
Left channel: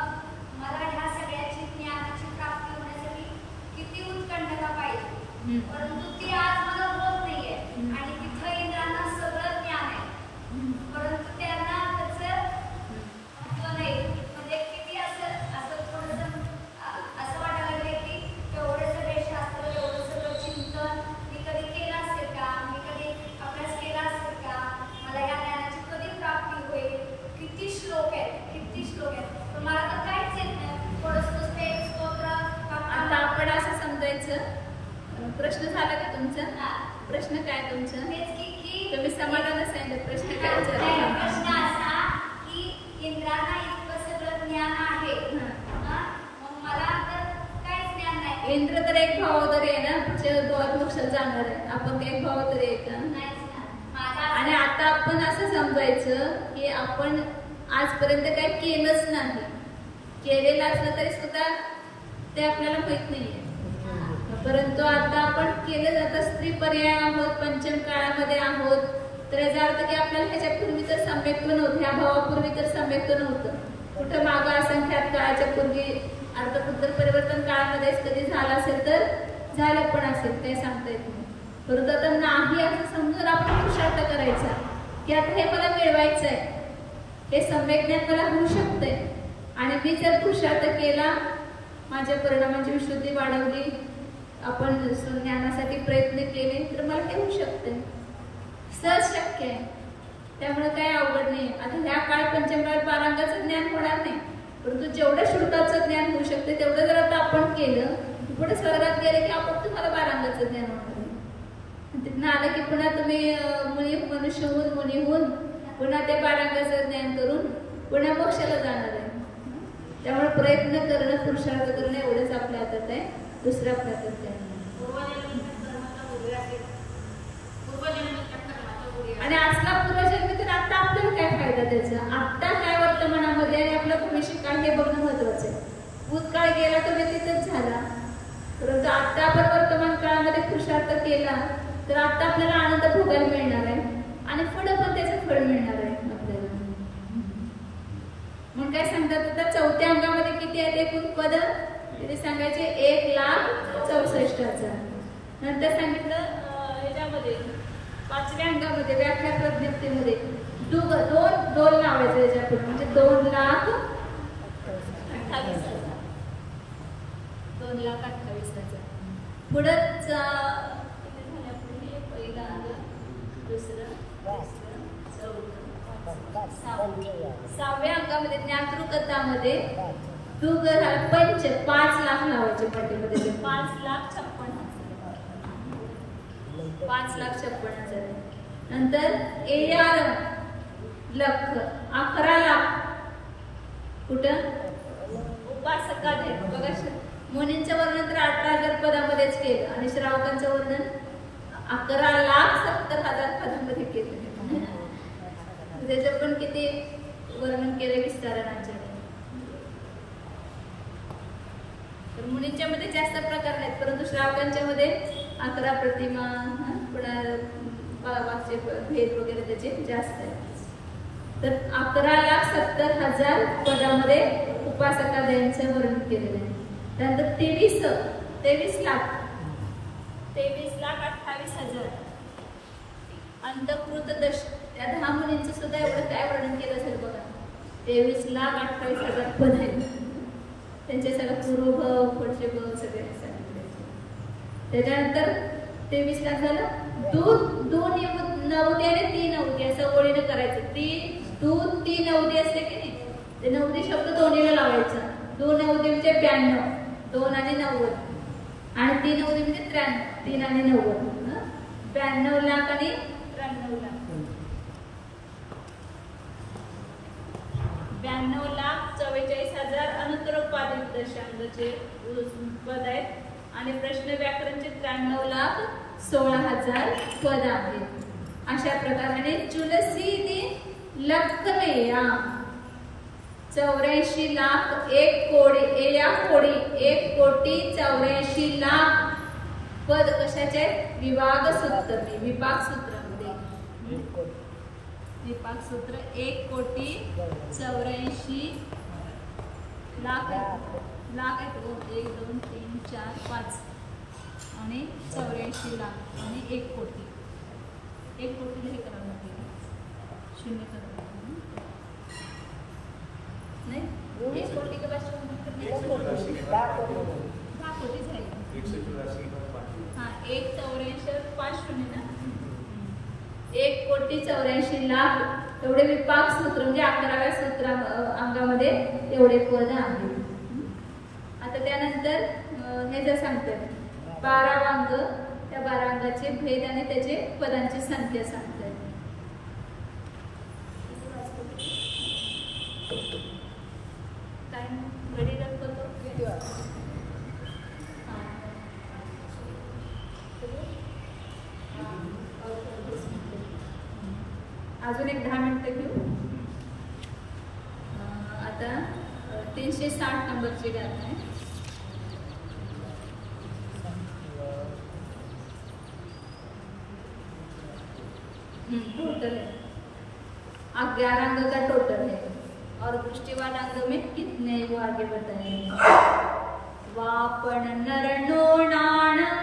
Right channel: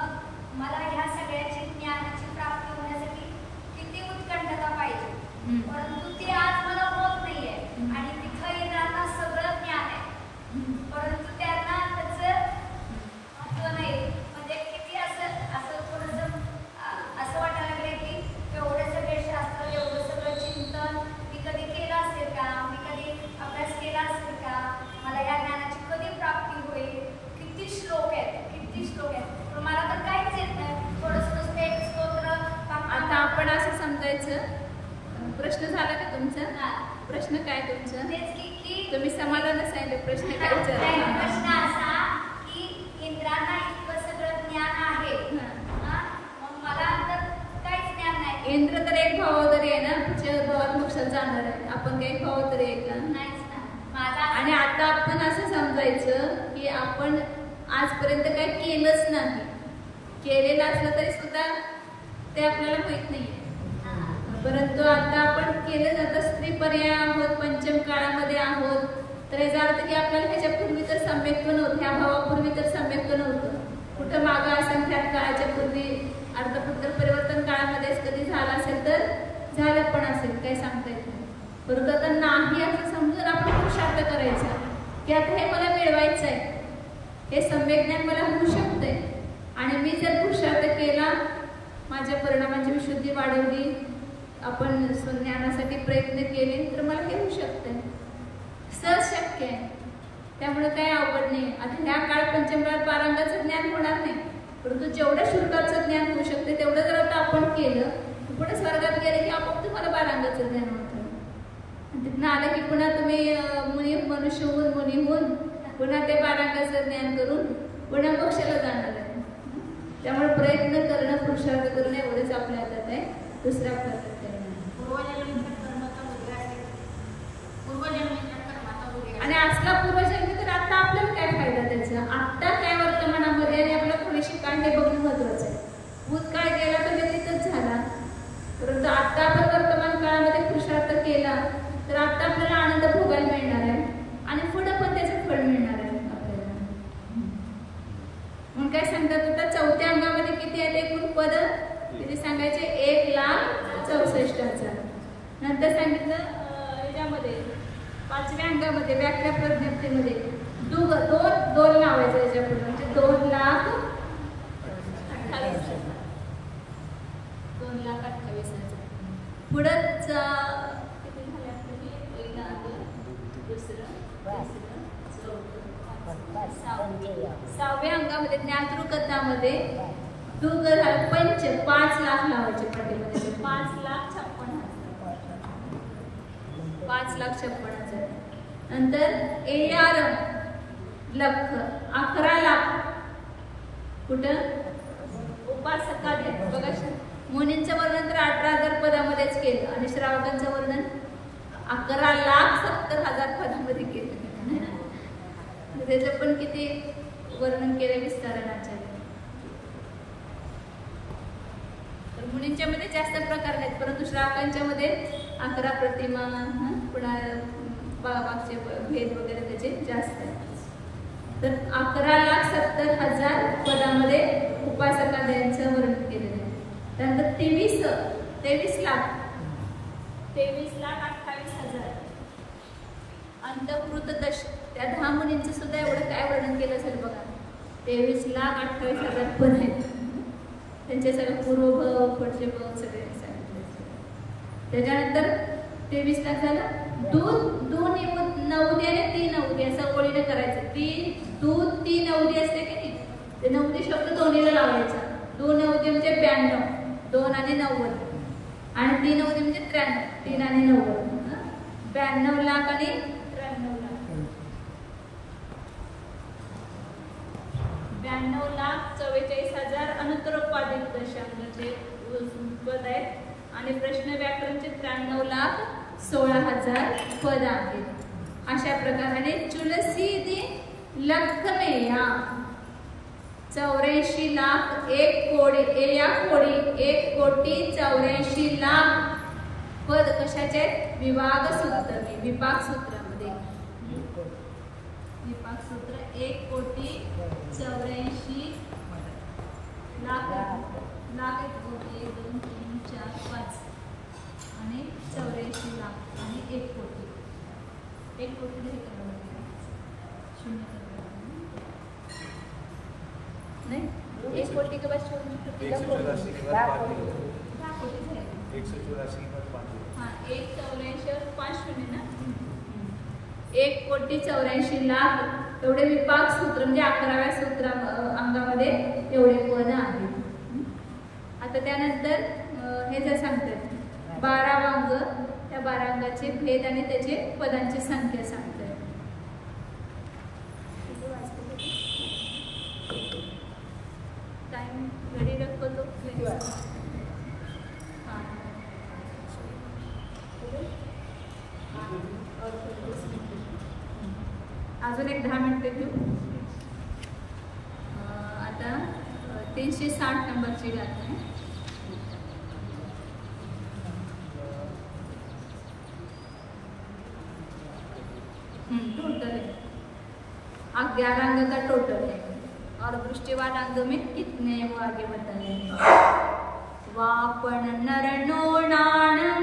मला ह्या सगळ्याची ज्ञानाची प्राप्ती होण्यासाठी किती उत्कंठता पाहिजे, परंतु ती आज मला होत नाहीये. आणि तिथं येणाऱ्यांना सगळं ज्ञान आहे, परंतु त्यांना त्याचं महत्व नाही. म्हणजे किती असं थोडंसं असं वाटायला लागलंय की एवढे सगळे शास्त्र, एवढं सगळं चिंतन मी कधी केलं असेल का, मी कधी अभ्यास केला असेल का, मला या ज्ञानाची कधी प्राप्ती होईल. किती श्लोक आहेत पण मला तर काहीच येत नाही. थोडंसं नुसतं एक स्तोत्र. आता आपण असं समजायचं. प्रश्न झाला का तुमचा? प्रश्न काय तुमचा? तुम्ही समाधान सांगितलं. प्रश्न काय विचारला? प्रश्न असा की इंद्रांना इतकं सगळं ज्ञान आहे, मग मला तर काहीच ज्ञान नाही. इंद्र तर एक भावोदरी आहे ना, पुढच्या भावात मोक्षात जाणार आहे. आपण काही भावोदरी आहे का? आणि आता आपण असं समजायचं की आपण आजपर्यंत काही केलंच नाही. केलेलं असलं तरी सुद्धा ते आपल्याला माहित नाहीये. परंतु आता आपण केलं जातं. स्त्री पर्याय आहोत, पंचम काळामध्ये आहोत. तर याचा अर्थ की आपल्याला ह्याच्यापूर्वी तर सम्यक्त्व नव्हतं, ह्या भावापूर्वी तर सम्यक्त्व नव्हतं. कुठं मागं असंख्यात काळाच्या पूर्वी अर्धपुत्र परिवर्तन काळामध्येच कधी झालं असेल तर झालं पण असेल, काही सांगता येत नाही. परंतु आता नाही असं समजून आपण पुरुषार्थ करायचा की आता हे मला मिळवायचं आहे, हे सम्यक ज्ञान मला होऊ शकतंय. आणि मी जर पुरुषार्थ केला, माझ्या परिणामांची विशुद्धी वाढवली, आपण ज्ञानासाठी प्रयत्न केले तर मला हे होऊ शकतंय. सहज शक्य आहे. त्यामुळे काही अवघड नाही. आता ह्या काळ पंचम काळ पारांगाचं ज्ञान होणार नाही, परंतु जेवढं श्रुताचं ज्ञान होऊ शकते तेवढं जर आता आपण केलं, पुढे स्वर्गात गेले की आपण तुम्हाला पारांगाचं ज्ञान होणार. तिथनं आलं की पुन्हा तुम्ही मनुष्य होऊन मुनी होऊन पुन्हा ते पारांगाचं ज्ञान करून पुन्हा मोक्षाला जाणार आहे. त्यामुळे प्रयत्न करणं, पुरुषार्थ करणं एवढंच आपल्या हातात आहे, दुसरं आपल्या हातात आहे. आणि आजला पूर्वजन्म तर आता आपल्याला काय फायदा त्याचा? आत्ता काय वर्तमानामध्ये आणि आपलं भविष्य काय हे बघणं महत्वाचं आहे. भूतकाळ गेला तर व्यतीतच झाला, परंतु आता आपण वर्तमान काळामध्ये पुरुषार्थ केला तर आता आपल्याला आनंद भोगायला मिळणार आहे आणि पुढे पण त्याचं फळ मिळणार आहे आपल्याला. म्हणून काय सांगतात आता चौथ्या अंगामध्ये किती आहेत एकूण पद? तिथे सांगायचे 1,64,000. नंतर सांगितलं याच्यामध्ये 5व्या अंगामध्ये व्याख्या प्रज्ञप्तीमध्ये दोन लावायचं याच्या पुढे, म्हणजे 2,28,000. 2,28,000 पुढंच किती झाले आपले? पहिलं अंग, दुसरं, तिसरं, चौथं, पाचवं, 6व्या अंगामध्ये ज्ञातृकथामध्ये दुग झालं 5 लाख लावायचे पाठीमध्ये. 5,56,000. 5,56,000. नंतर 11 लख 11 लाख कुठं? उपासका बघा. मुनींचं वर्णन तर 18,000 पदामध्येच केलं आणि श्रावकांचं वर्णन 11,70,000 पदामध्ये केलं. त्याचं पण किती वर्णन केलं विस्तारण आचार्य. तर मुलींच्या मध्ये जास्त प्रकार नाहीत, परंतु श्रावकांच्या मध्ये 11 प्रतिमा, पुन्हा वाक्य भेद वगैरे त्याचे जास्त आहेत. तर 11,70,000 पदामध्ये उपासकाद्यांचं वर्णन केलेलं आहे. त्यानंतर 23 लाख 28,000 अंतकृत दश, त्या 10 मुलींचं सुद्धा एवढं काय वर्णन केलं असेल बघा. 23,28,000 पद आहेत. त्यांचे सगळं पूर्वभव पुढचे भव सगळे सांगितले. त्याच्यानंतर 23 लाख झालं. दोन नवदी आणि 3 अवधी असं ओळीनं करायचं. 3 अवधी असते की नाही, ते नवदी शब्द दोन्हीला लावायचा. 2 अवधी म्हणजे 92, 2 आणि 90, आणि 3 अवधी म्हणजे 93, 3 आणि 90, 92 लाख आणि 93 लाख. 92,44,000 अनुत्तरोपादित दशांगाचे पद आहेत. आणि प्रश्न व्याकरणचे 93,16,000 पद आहेत. अशा प्रकारे चुलसी लखमेया 84 लाख 1 कोटी 1 कोटी 84 लाख पद कशाचे? विभाग सूत्र, विपाक सूत्रामध्ये. विपाक सूत्र 1 कोटी 84 लाख आहेत. 1 2 3 4 5 आणि 84 लाख आणि 1 कोटी. 1 कोटीला हे करावं लागेल, 0 करावं नाही. 1 कोटी के बाद 10 कोटी झाले. 1 84 5 शून्य ना. 1 कोटी 84 लाख एवढे विपाक सूत्र म्हणजे 11व्या सूत्रा अंगामध्ये एवढे पद आहेत. आता त्यानंतर हे जर सांगतात 12 अंग, त्या 12 अंगाचे भेद आणि त्याचे पदांची संख्या सांगतात. टाइम घडी दाखवतो किती वाजता. अजून एक 10 मिनिटं घेऊ. आता 360 नंबरची गाथा आहे. टोटल है 11 अंग का टोटल है, और दृष्टिवाद अंग में कितने वो आगे बताइए. वापण नर नोणाणम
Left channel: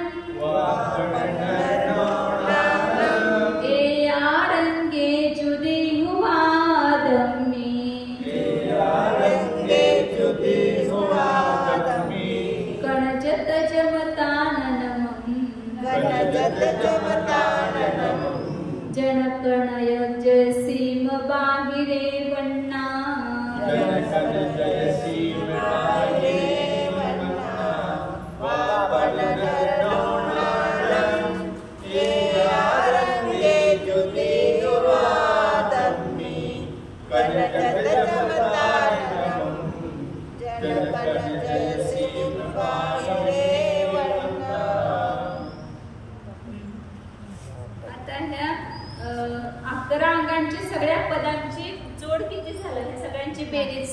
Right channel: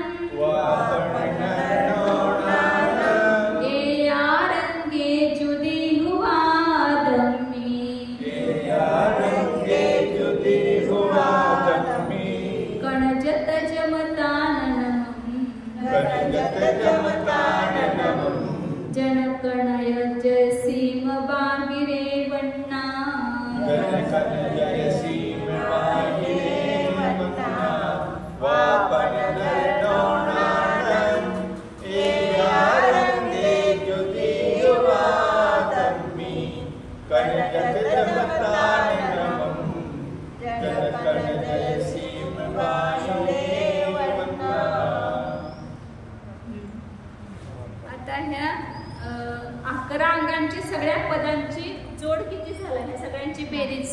बेरीज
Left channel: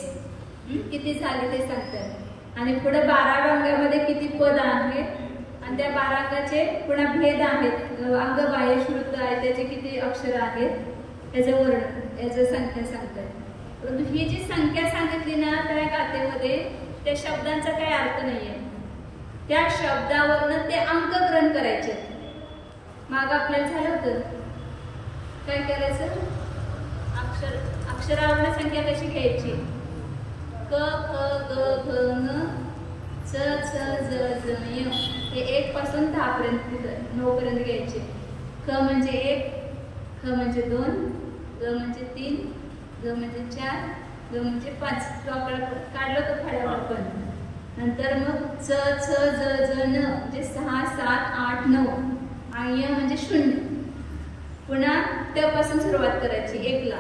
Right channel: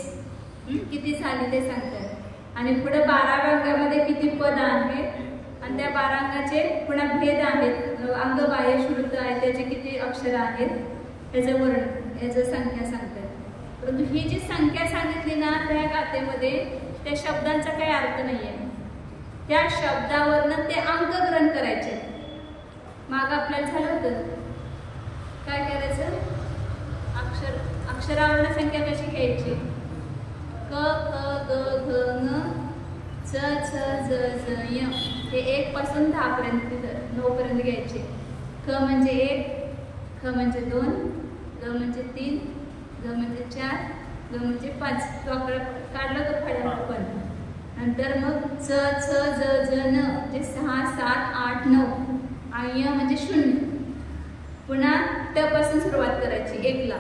किती झाली ते सांगतात. आणि पुढे 12 अंगामध्ये किती पद आहेत आणि त्या 12 अंगाचे पुन्हा भेद आहेत. अंग बाह्य श्रुत आहे, त्याचे किती अक्षर आहेत, त्याचं वर्णन, याचं संख्या सांगतात. परंतु ही जी संख्या सांगितली ना त्या गाथेमध्ये त्या शब्दांचा काही अर्थ नाहीये. त्या शब्दावरनं ते अंक ग्रहण करायचे. माग आपल्याला झालं होतं काय करायचं, अक्षरावर्ण संख्या कशी घ्यायची. क ख ग घ ङ च छ ज झ य हे 1 पासून 10 पर्यंत 9 पर्यंत घ्यायचे. ख म्हणजे 1, ख म्हणजे 2, ग म्हणजे 3, ग म्हणजे 4, ग म्हणजे 5. तो आकडा काढला तो फळ्याला आपण. नंतर मग च छ ज झ न म्हणजे 6 7 8 9 आणि य म्हणजे 0. पुन्हा त्यापासून सुरुवात करायची 1 ला.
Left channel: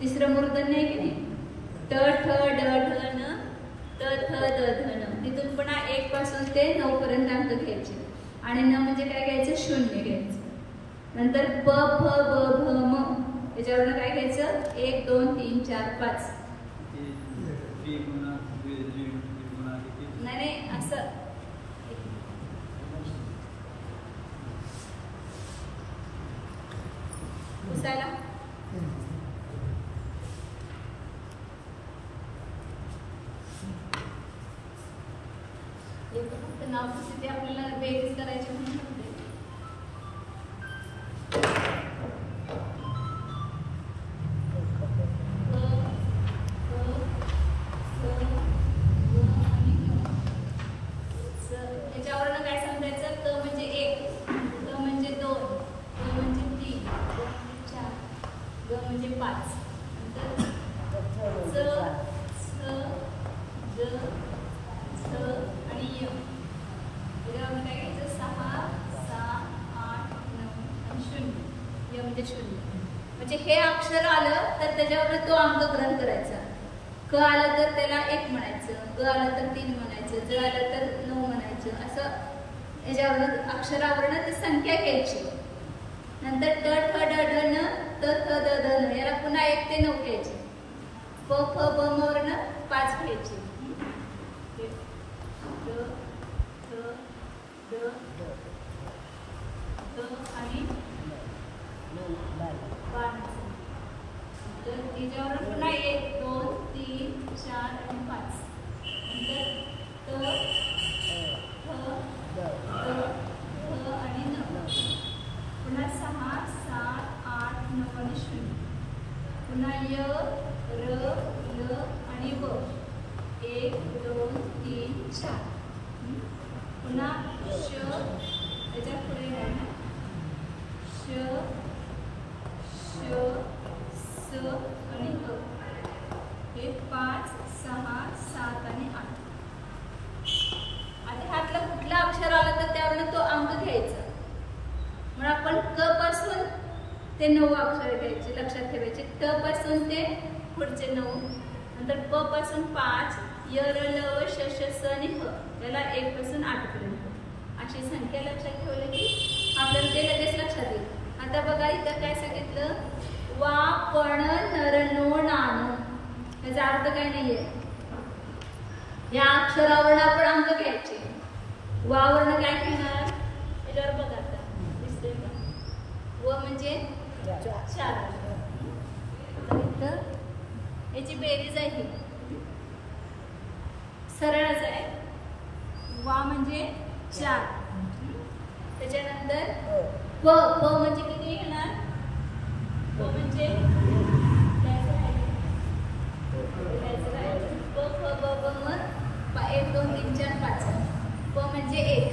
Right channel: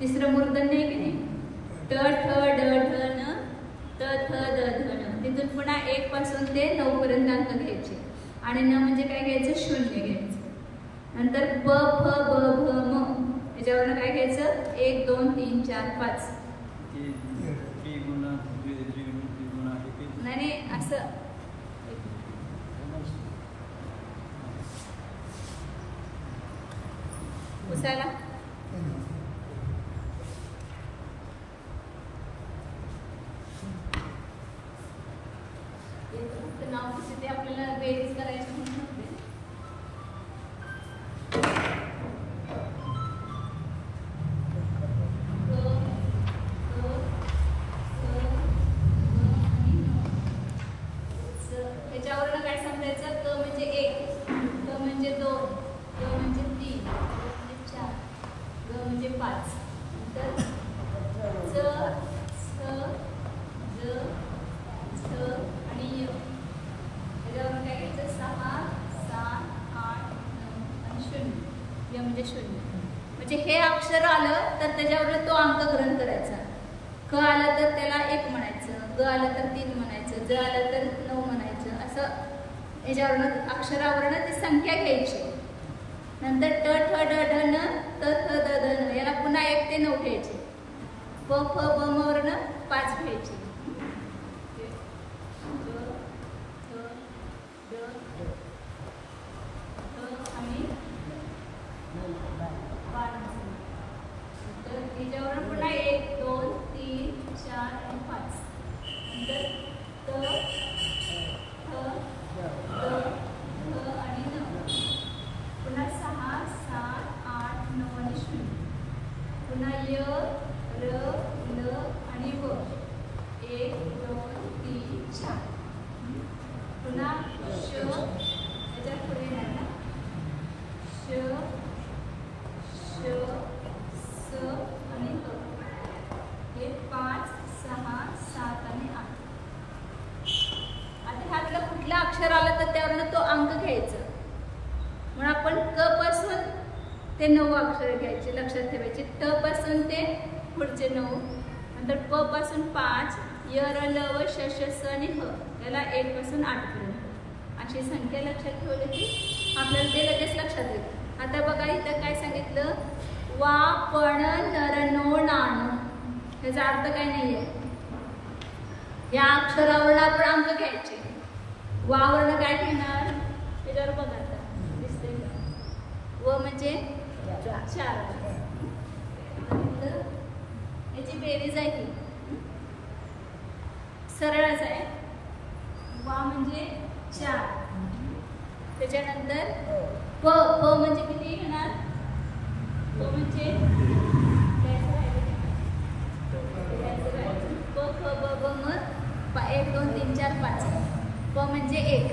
तिसरं मूर्धन्य आहे की नाही, ट ठ ड ढ न त थ द ध न. तिथून पुन्हा 1 पासून ते 9 पर्यंत अंक घ्यायचे. आणि न म्हणजे काय घ्यायचं, 0 घ्यायचं. नंतर प फ ब भ म याच्यावरनं काय घ्यायचं 1 2 3 4 5 नाही असं पुसायला फक्त नाव पुसते ते आपल्याला बेरीज करायचे म्हणून नव्हते. याच्यावरनं काय समजायचं क म्हणजे 1 क म्हणजे 2 ग म्हणजे 3 ग म्हणजे 4 ग म्हणजे 5 नंतर च स ज स आणि य याच्यावरनं काय घ्यायचं 6 7 8 9 आणि 0 य म्हणजे 0. म्हणजे हे अक्षर आलं तर त्याच्यावर तो अंक ग्रहण करायचा. क आलं तर त्याला 1 म्हणायचं, ग आलं तर 3 म्हणायचं, ज आलं तर 9 म्हणायचं. असं याच्यावरनं अक्षरावरनं ती संख्या घ्यायची. नंतर ट ठ ड ढ न त थ द ध न याला पुन्हा 1 ते 9 घ्यायचे. प फ ब म वरनं 5 घ्यायचे. ड थ ड ध आणि तर याच्यावरून पुन्हा 1 2 3 4 आणि 5 नंतर त थ द ध आणि न पुन्हा 6 7 8 9 आणि 0 पुन्हा य र ल आणि व 1 2 3 4 पुन्हा श याच्या पुढे येणार ना श श स आणि ह हे 5 6 7 आणि 8. आता ह्यातलं कुठलं अक्षर आलं तर त्यावरून तो अंक घ्यायचा. म्हणून आपण क पासून ते 9 अक्षर घ्यायचे लक्षात ठेवायचे. ट पासून ते पुढचे 9 नंतर प पासून 5 य र ल व श श स आणि ह याला 1 पासून 8 पर्यंत अशी संख्या लक्षात ठेवली की आपल्याला ते लगेच लक्षात येईल. आता बघा इथं काय सांगितलं वा पण नर नो नान याचा अर्थ काय नाहीये. या अक्षरावरून आपण अंक घ्यायचे. वावरनं काय घेणार त्याच्यावर बघा आता दिसतंय का व म्हणजे 4 याची बेरीज आहे सरळच आहे. वा म्हणजे 4 त्याच्यानंतर प प म्हणजे किती येणार प म्हणजे द्यायचं राहिलं प फ ब ब म 1 2 3 4 5 प म्हणजे 1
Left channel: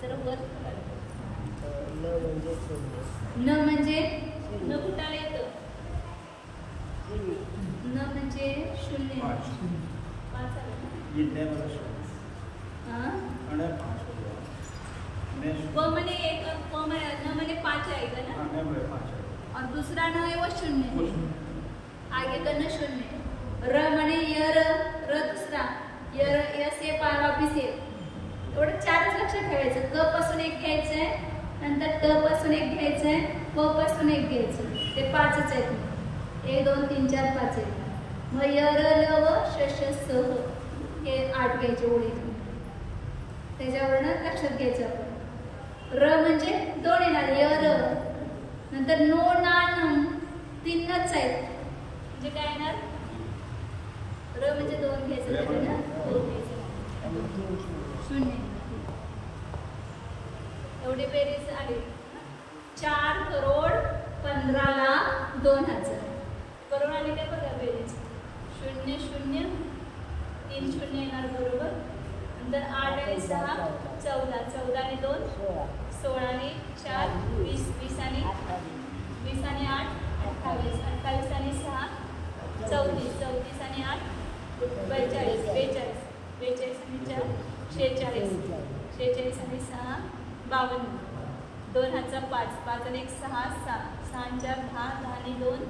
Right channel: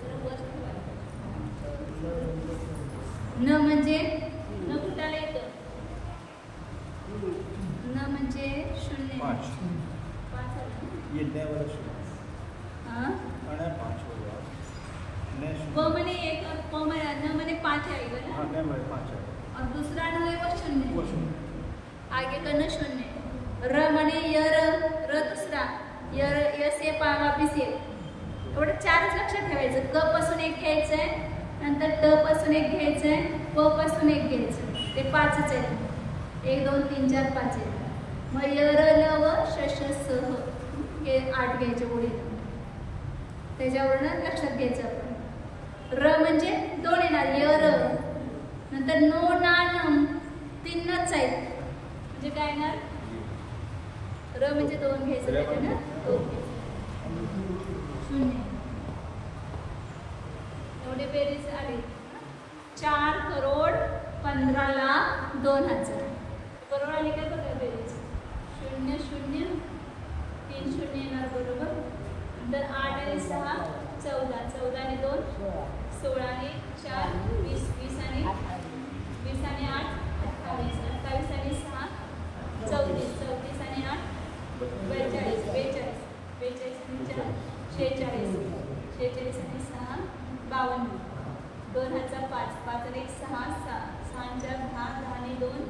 जरा वर ठेवायला पाहिजे. न म्हणजे न कुठाला येतं न म्हणजे 0 5 आलं प म्हणे 1 और प म्हणे न म्हणे 5 आएगा ना और दूसरा न है वो 0 आगे का न 0 र म्हणे य र दूसरा य से वापिस ये एवढं 4च लक्षात ठेवायचं. क पासून 1 घ्यायचंय नंतर ट पासून 1 घ्यायचंय प पासून 1 घ्यायचं ते 5च आहेत. 1 2 3 4 5 आहेत. मग य र ल व श श स ह हे 8 घ्यायचे ओळीतून त्याच्यावरनं लक्षात घ्यायचं आपण. र म्हणजे 2 येणार य र नंतर नो ना न 3च आहेत म्हणजे काय येणार र म्हणजे 2 घ्यायचं त्याचं ना 2 घ्यायचं 0 एवढी बेरीज आली. 4 करोड 15,02,000 बरोबर आली काय बघा बेरीज 0 0 3 0 येणार बरोबर. नंतर 8 आणि 6 14 14 आणि 2 16 आणि 4 20 20 आणि 8 28 28 आणि 6 34 34 आणि 8 42 42 42 आणि 4 46 46 आणि 6 52 2 हाचा 5 5 आणि 1 6 6 6 4 10 10 आणि 2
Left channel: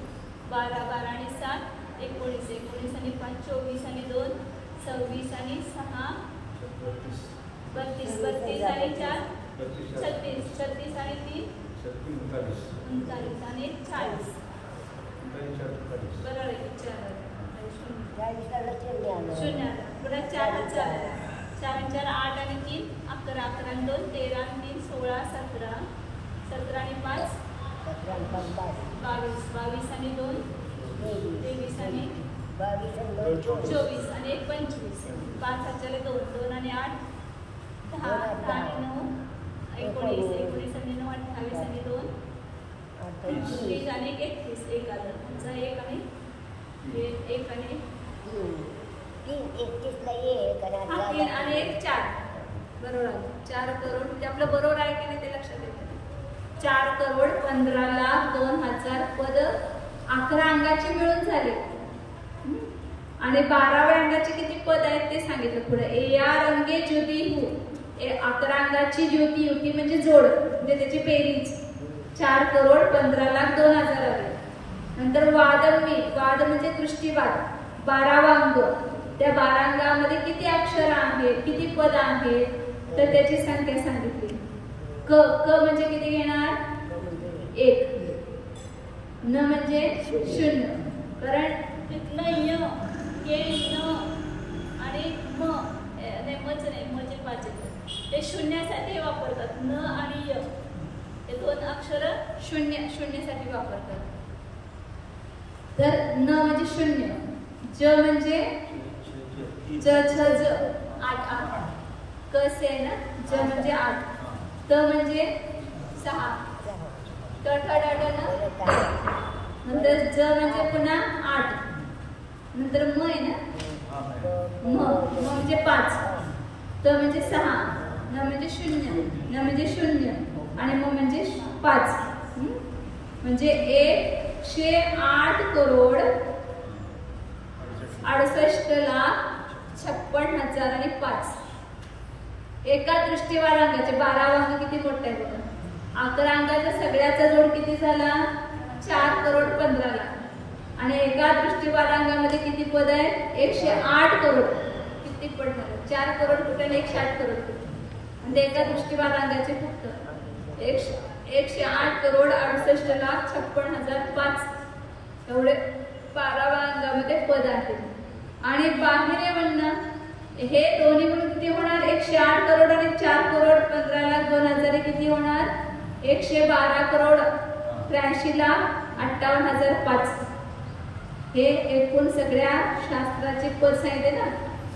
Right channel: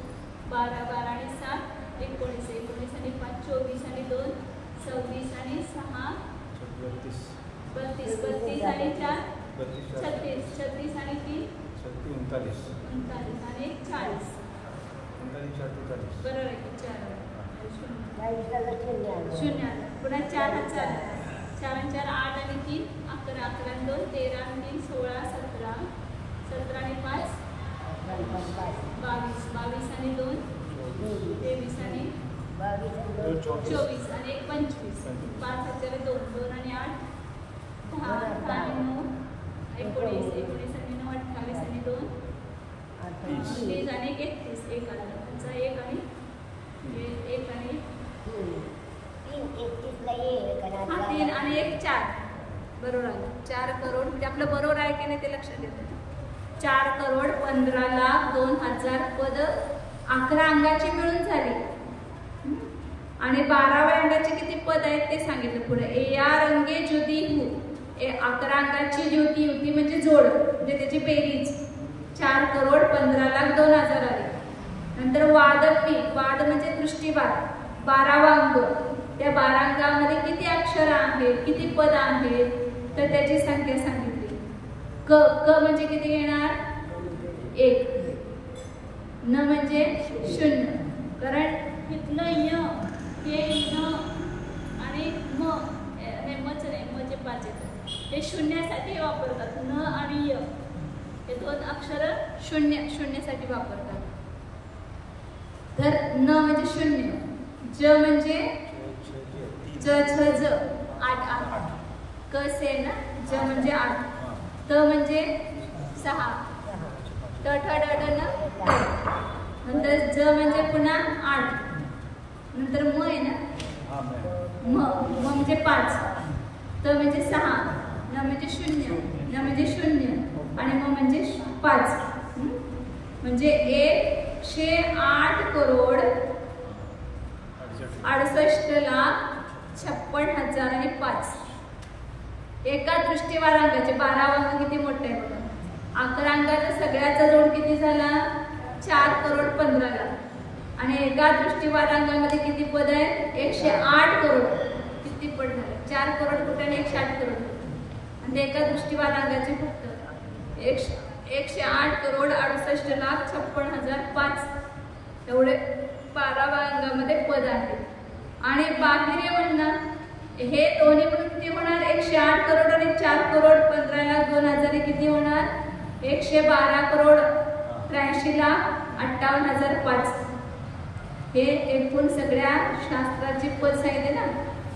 12 12 आणि 7 19 19 आणि 5 24 आणि 2 26 आणि 6 32 32 आणि 4 36 36 आणि 3 39 आणि 1 40. बरोबर आहे की 4 शून्य आलं. पुन्हा 4 हा 4 आला. 4 आणि 4 8 आणि 3 11 11 आणि 2 13 आणि 3 16 17 17 आणि 5 22 22 आणि 2 23 आणि 24 आणि 1 25 5 हाताला 2 2 आणि 8 10 10 आणि 9 19 19 आणि 9 28 आणि 2 30 आणि 31 1 आलं. 1 आणि 1 आणि 3 आणि 1 4. बरोबर आलं. 4 करोड म्हणजे आपलं बरोबर आहे की नाही ते लक्षात येतं. 4,15,02,000 पद 11 अंगाची मिळून झाली आणि 12व्या अंगाचे किती पद आहेत ते सांगितलं पुढे. या रंगे ज्योती हू 11 अंगाची ज्योती होती म्हणजे जोड म्हणजे त्याची बेरीज 4,15,02,000 आली. नंतर वादमी वाद म्हणजे दृष्टीवाद 12वा अंग. त्या 12 अंगामध्ये किती अक्षर आहेत किती पद आहेत तर त्याची संख्या सांगितली. क क म्हणजे किती येणार 1. न म्हणजे 0 कारण तिथलं य हे न आणि म नाही मच नाही म्हणजे 5 येतं ते शून्यासाठी वापरतात. न आणि य हे 2 अक्षर शून्यसाठी वापरतात. तर न म्हणजे 0 ज म्हणजे ज 8 क से ना ज म्हणजे 8 त म्हणजे 6 ट ठ ड ड न नंतर ज म्हणजे पुन्हा 8 नंतर म आहे ना म म्हणजे 5 त म्हणजे 6 न म्हणजे 0 न म्हणजे 0 आणि म म्हणजे 5 म्हणजे 1,68,68,56,005 एका दृष्टीवाद अंगाचे 12 अंक किती मोठा आहे बघा. 11 अंगाचा सगळ्याचा जोड किती झाला 4,15,00,000 आणि एका दृष्टीवाद अंगामध्ये किती पद आहे 108 करोड. किती पद झाले 4 करोड कुठे आणि 108 करोड आणि एका दृष्टीवाद अंगाचे फक्त 108,68,56,005 एवढे 12व्या अंगामध्ये पद आहेत. आणि बाहेर म्हणणं हे दोन्ही म्हणून किती होणार 108 करोड आणि 4,15,02,000 किती होणार 112,83,58,005 हे एकूण सगळ्या शास्त्राचे पद सांगितले ना.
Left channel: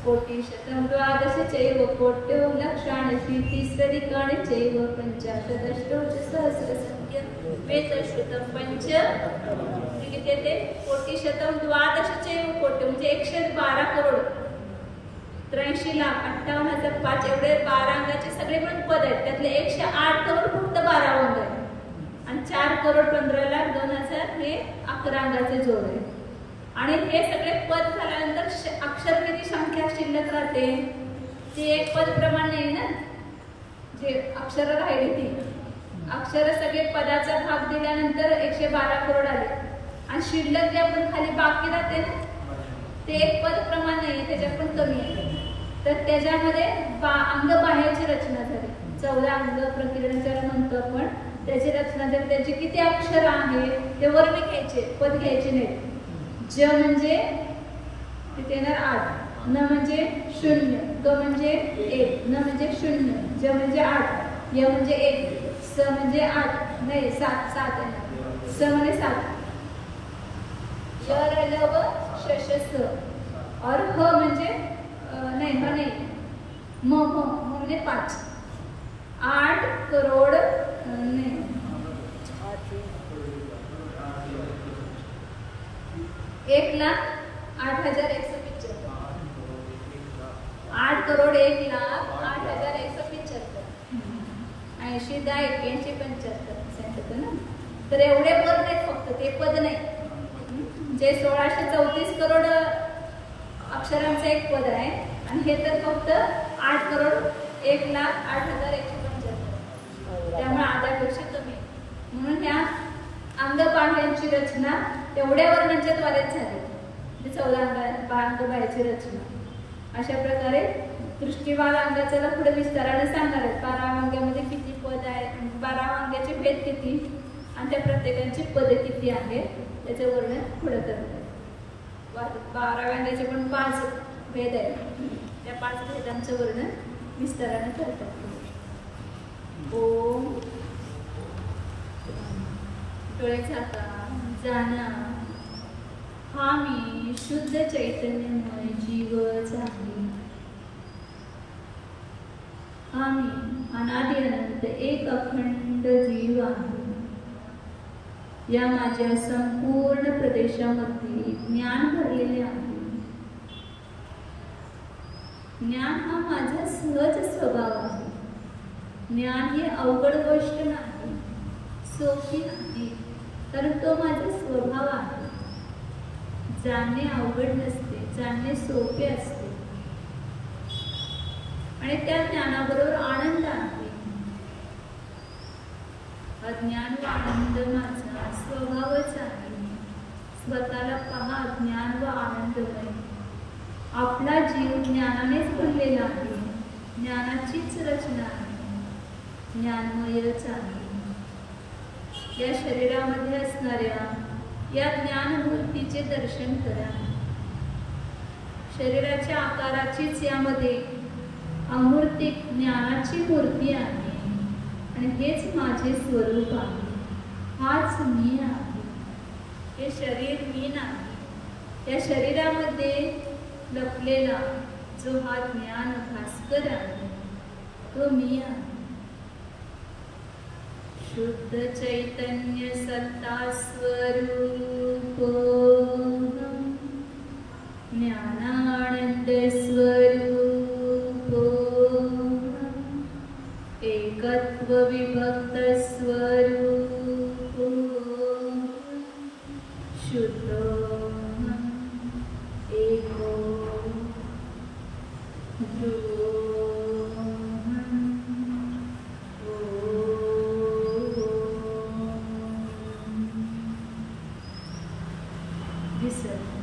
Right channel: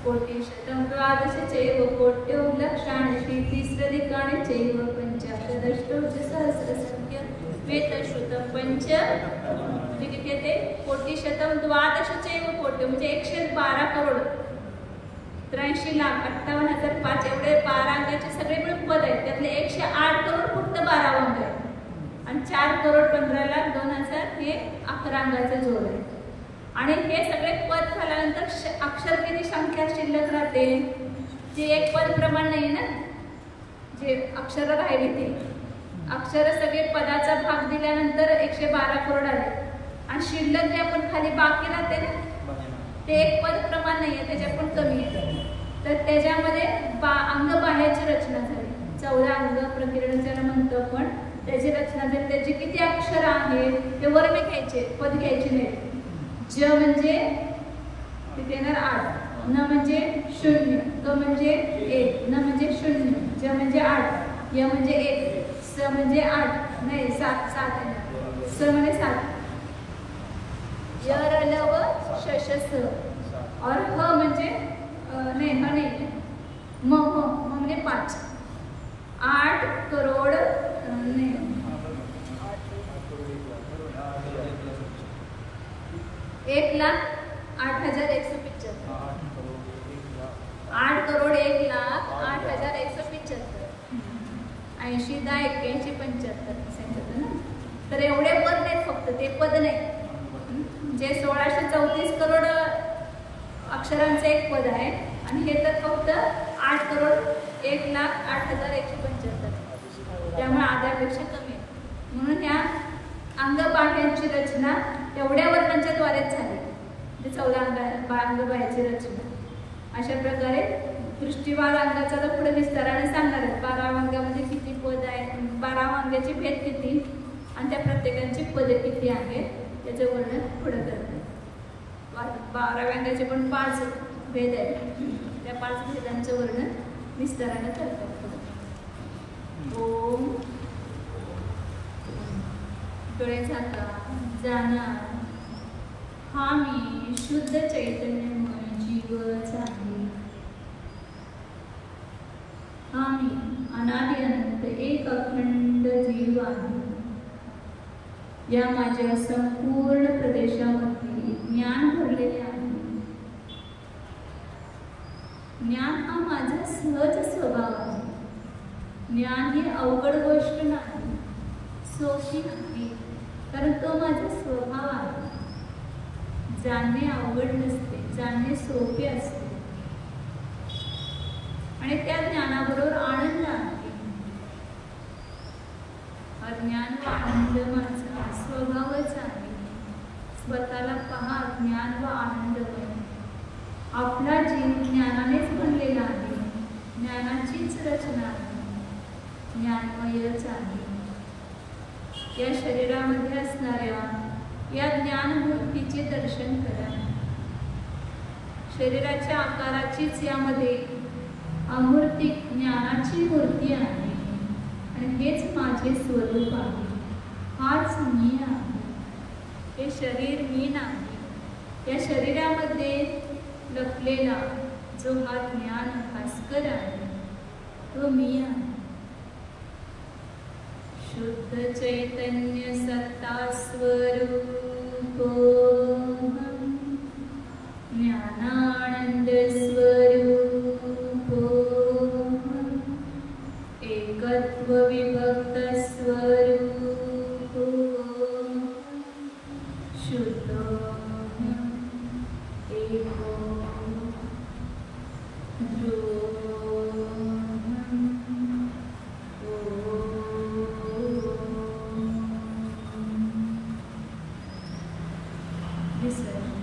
कोटी शतम द्वादश चैव कोट्यो लक्षाणशी तिसरिकाणि चैव पंचाशदष्टोच सहस्रसंख्य वेतश्रुतम पंच म्हणजे किती येते कोटी शतम द्वादश चैव कोट्यो म्हणजे 112 करोड 83,58,005 एवढे 12 अंगाचे सगळे मिळून पद आहेत. त्यातले 108 करोड फक्त 12 अंग आहे आणि 4,15,02,000 हे 11 अंगाचे जोड आहे. आणि हे सगळे पद झाल्यानंतर अक्षर किती संख्या शिल्लक राहते ती एक पद प्रमाण नाही ना. जे अक्षर राहिली ती अक्षर सगळे पदाचा भाग दिल्यानंतर 112 करोड आले आणि शिल्लक जे आपण खाली बाकी राहते ना ते एक पद प्रमाण नाहीये त्याच्या पण कमी आहे. तर त्याच्यामध्ये अंग बाह्याची रचना झाली 14 अंग प्रकिरण ज्याला म्हणतो आपण त्याची रचना झाली. त्याची किती अक्षर आहेत ते वर्ण घ्यायचे पद घ्यायचे नाहीत. ज म्हणजे किती येणार 8 न म्हणजे 0 क म्हणजे 1 न म्हणजे 0 ज म्हणजे 8 य म्हणजे 1 स म्हणजे 8 नाही 7 येणार स म्हणजे 7 य र ल व श श स और ह म्हणजे नाही ह नाही म म्हणजे 5 8 करोड नाही 1,08,175 8 करोड 1,08,175 80 10 81 75 सांगितलं ना. तर एवढे पद नाहीत फक्त ते पद नाही जे 1634 करोड अक्षरांचं एक पद आहे आणि हे तर फक्त 8 करोड 1,08,175 त्यामुळे आधापेक्षा कमी. म्हणून ह्या अंगबाह्यांची रचना तेवढ्या वर्णांच्या द्वारेच झाली. 14 अंग बाह्याची रचना अशा प्रकारे दृष्टिवान अंगाचा पुढे विस्ताराने सांगणार आहेत. 12 वांग्यामध्ये किती पद आहेत, 12 वांग्याचे भेद किती आणि त्या प्रत्येकाची पदे किती आहेत त्याचं वर्णन पुढे करतात. 12 वांग्याचे पण 5 भेद आहेत. त्या 5 भेदांचं वर्णन विस्ताराने करतात. ओम डोळे झाका जाणार. हा मी शुद्ध चैतन्यमय जीवच आहे. हा मी अनादि अनंत एक अखंड जीव आहे. या माझ्या संपूर्ण प्रदेशामध्ये ज्ञान भरलेले आहे. ज्ञान हा माझा सहज स्वभाव आहे. ज्ञान ही अवघड गोष्ट नाही, सोपी नाही, कारण तो माझा स्वभाव आहे. जाणणे अवघड नसते, जाणणे सोपे असते आणि त्या ज्ञानाबरोबर आनंद आहे. अज्ञान व आनंद माझा स्वभावच आहे. स्वतःला पहा, ज्ञान व आनंदमय. आपला जीव ज्ञानानेच भरलेला आहे. ज्ञानाचीच रचना आहे, ज्ञानमयच आहे. या शरीरामध्ये असणाऱ्या या ज्ञानमूर्तीचे दर्शन करा. शरीराच्या आकाराचीच यामध्ये अमूर्तिक ज्ञानाची मूर्ती आहे आणि हेच माझे स्वरूप आहे. हाच मी आहे. हे शरीर मी नाही. या शरीरामध्ये लपलेला जो हा ज्ञान भास्कर आहे तो मी आहे. शुद्ध चैतन्य सत्ता स्वरूप ज्ञानानंद स्वरूप एकत्व विभक्त स्वरूप शुद्ध एको ध्रुव Listen.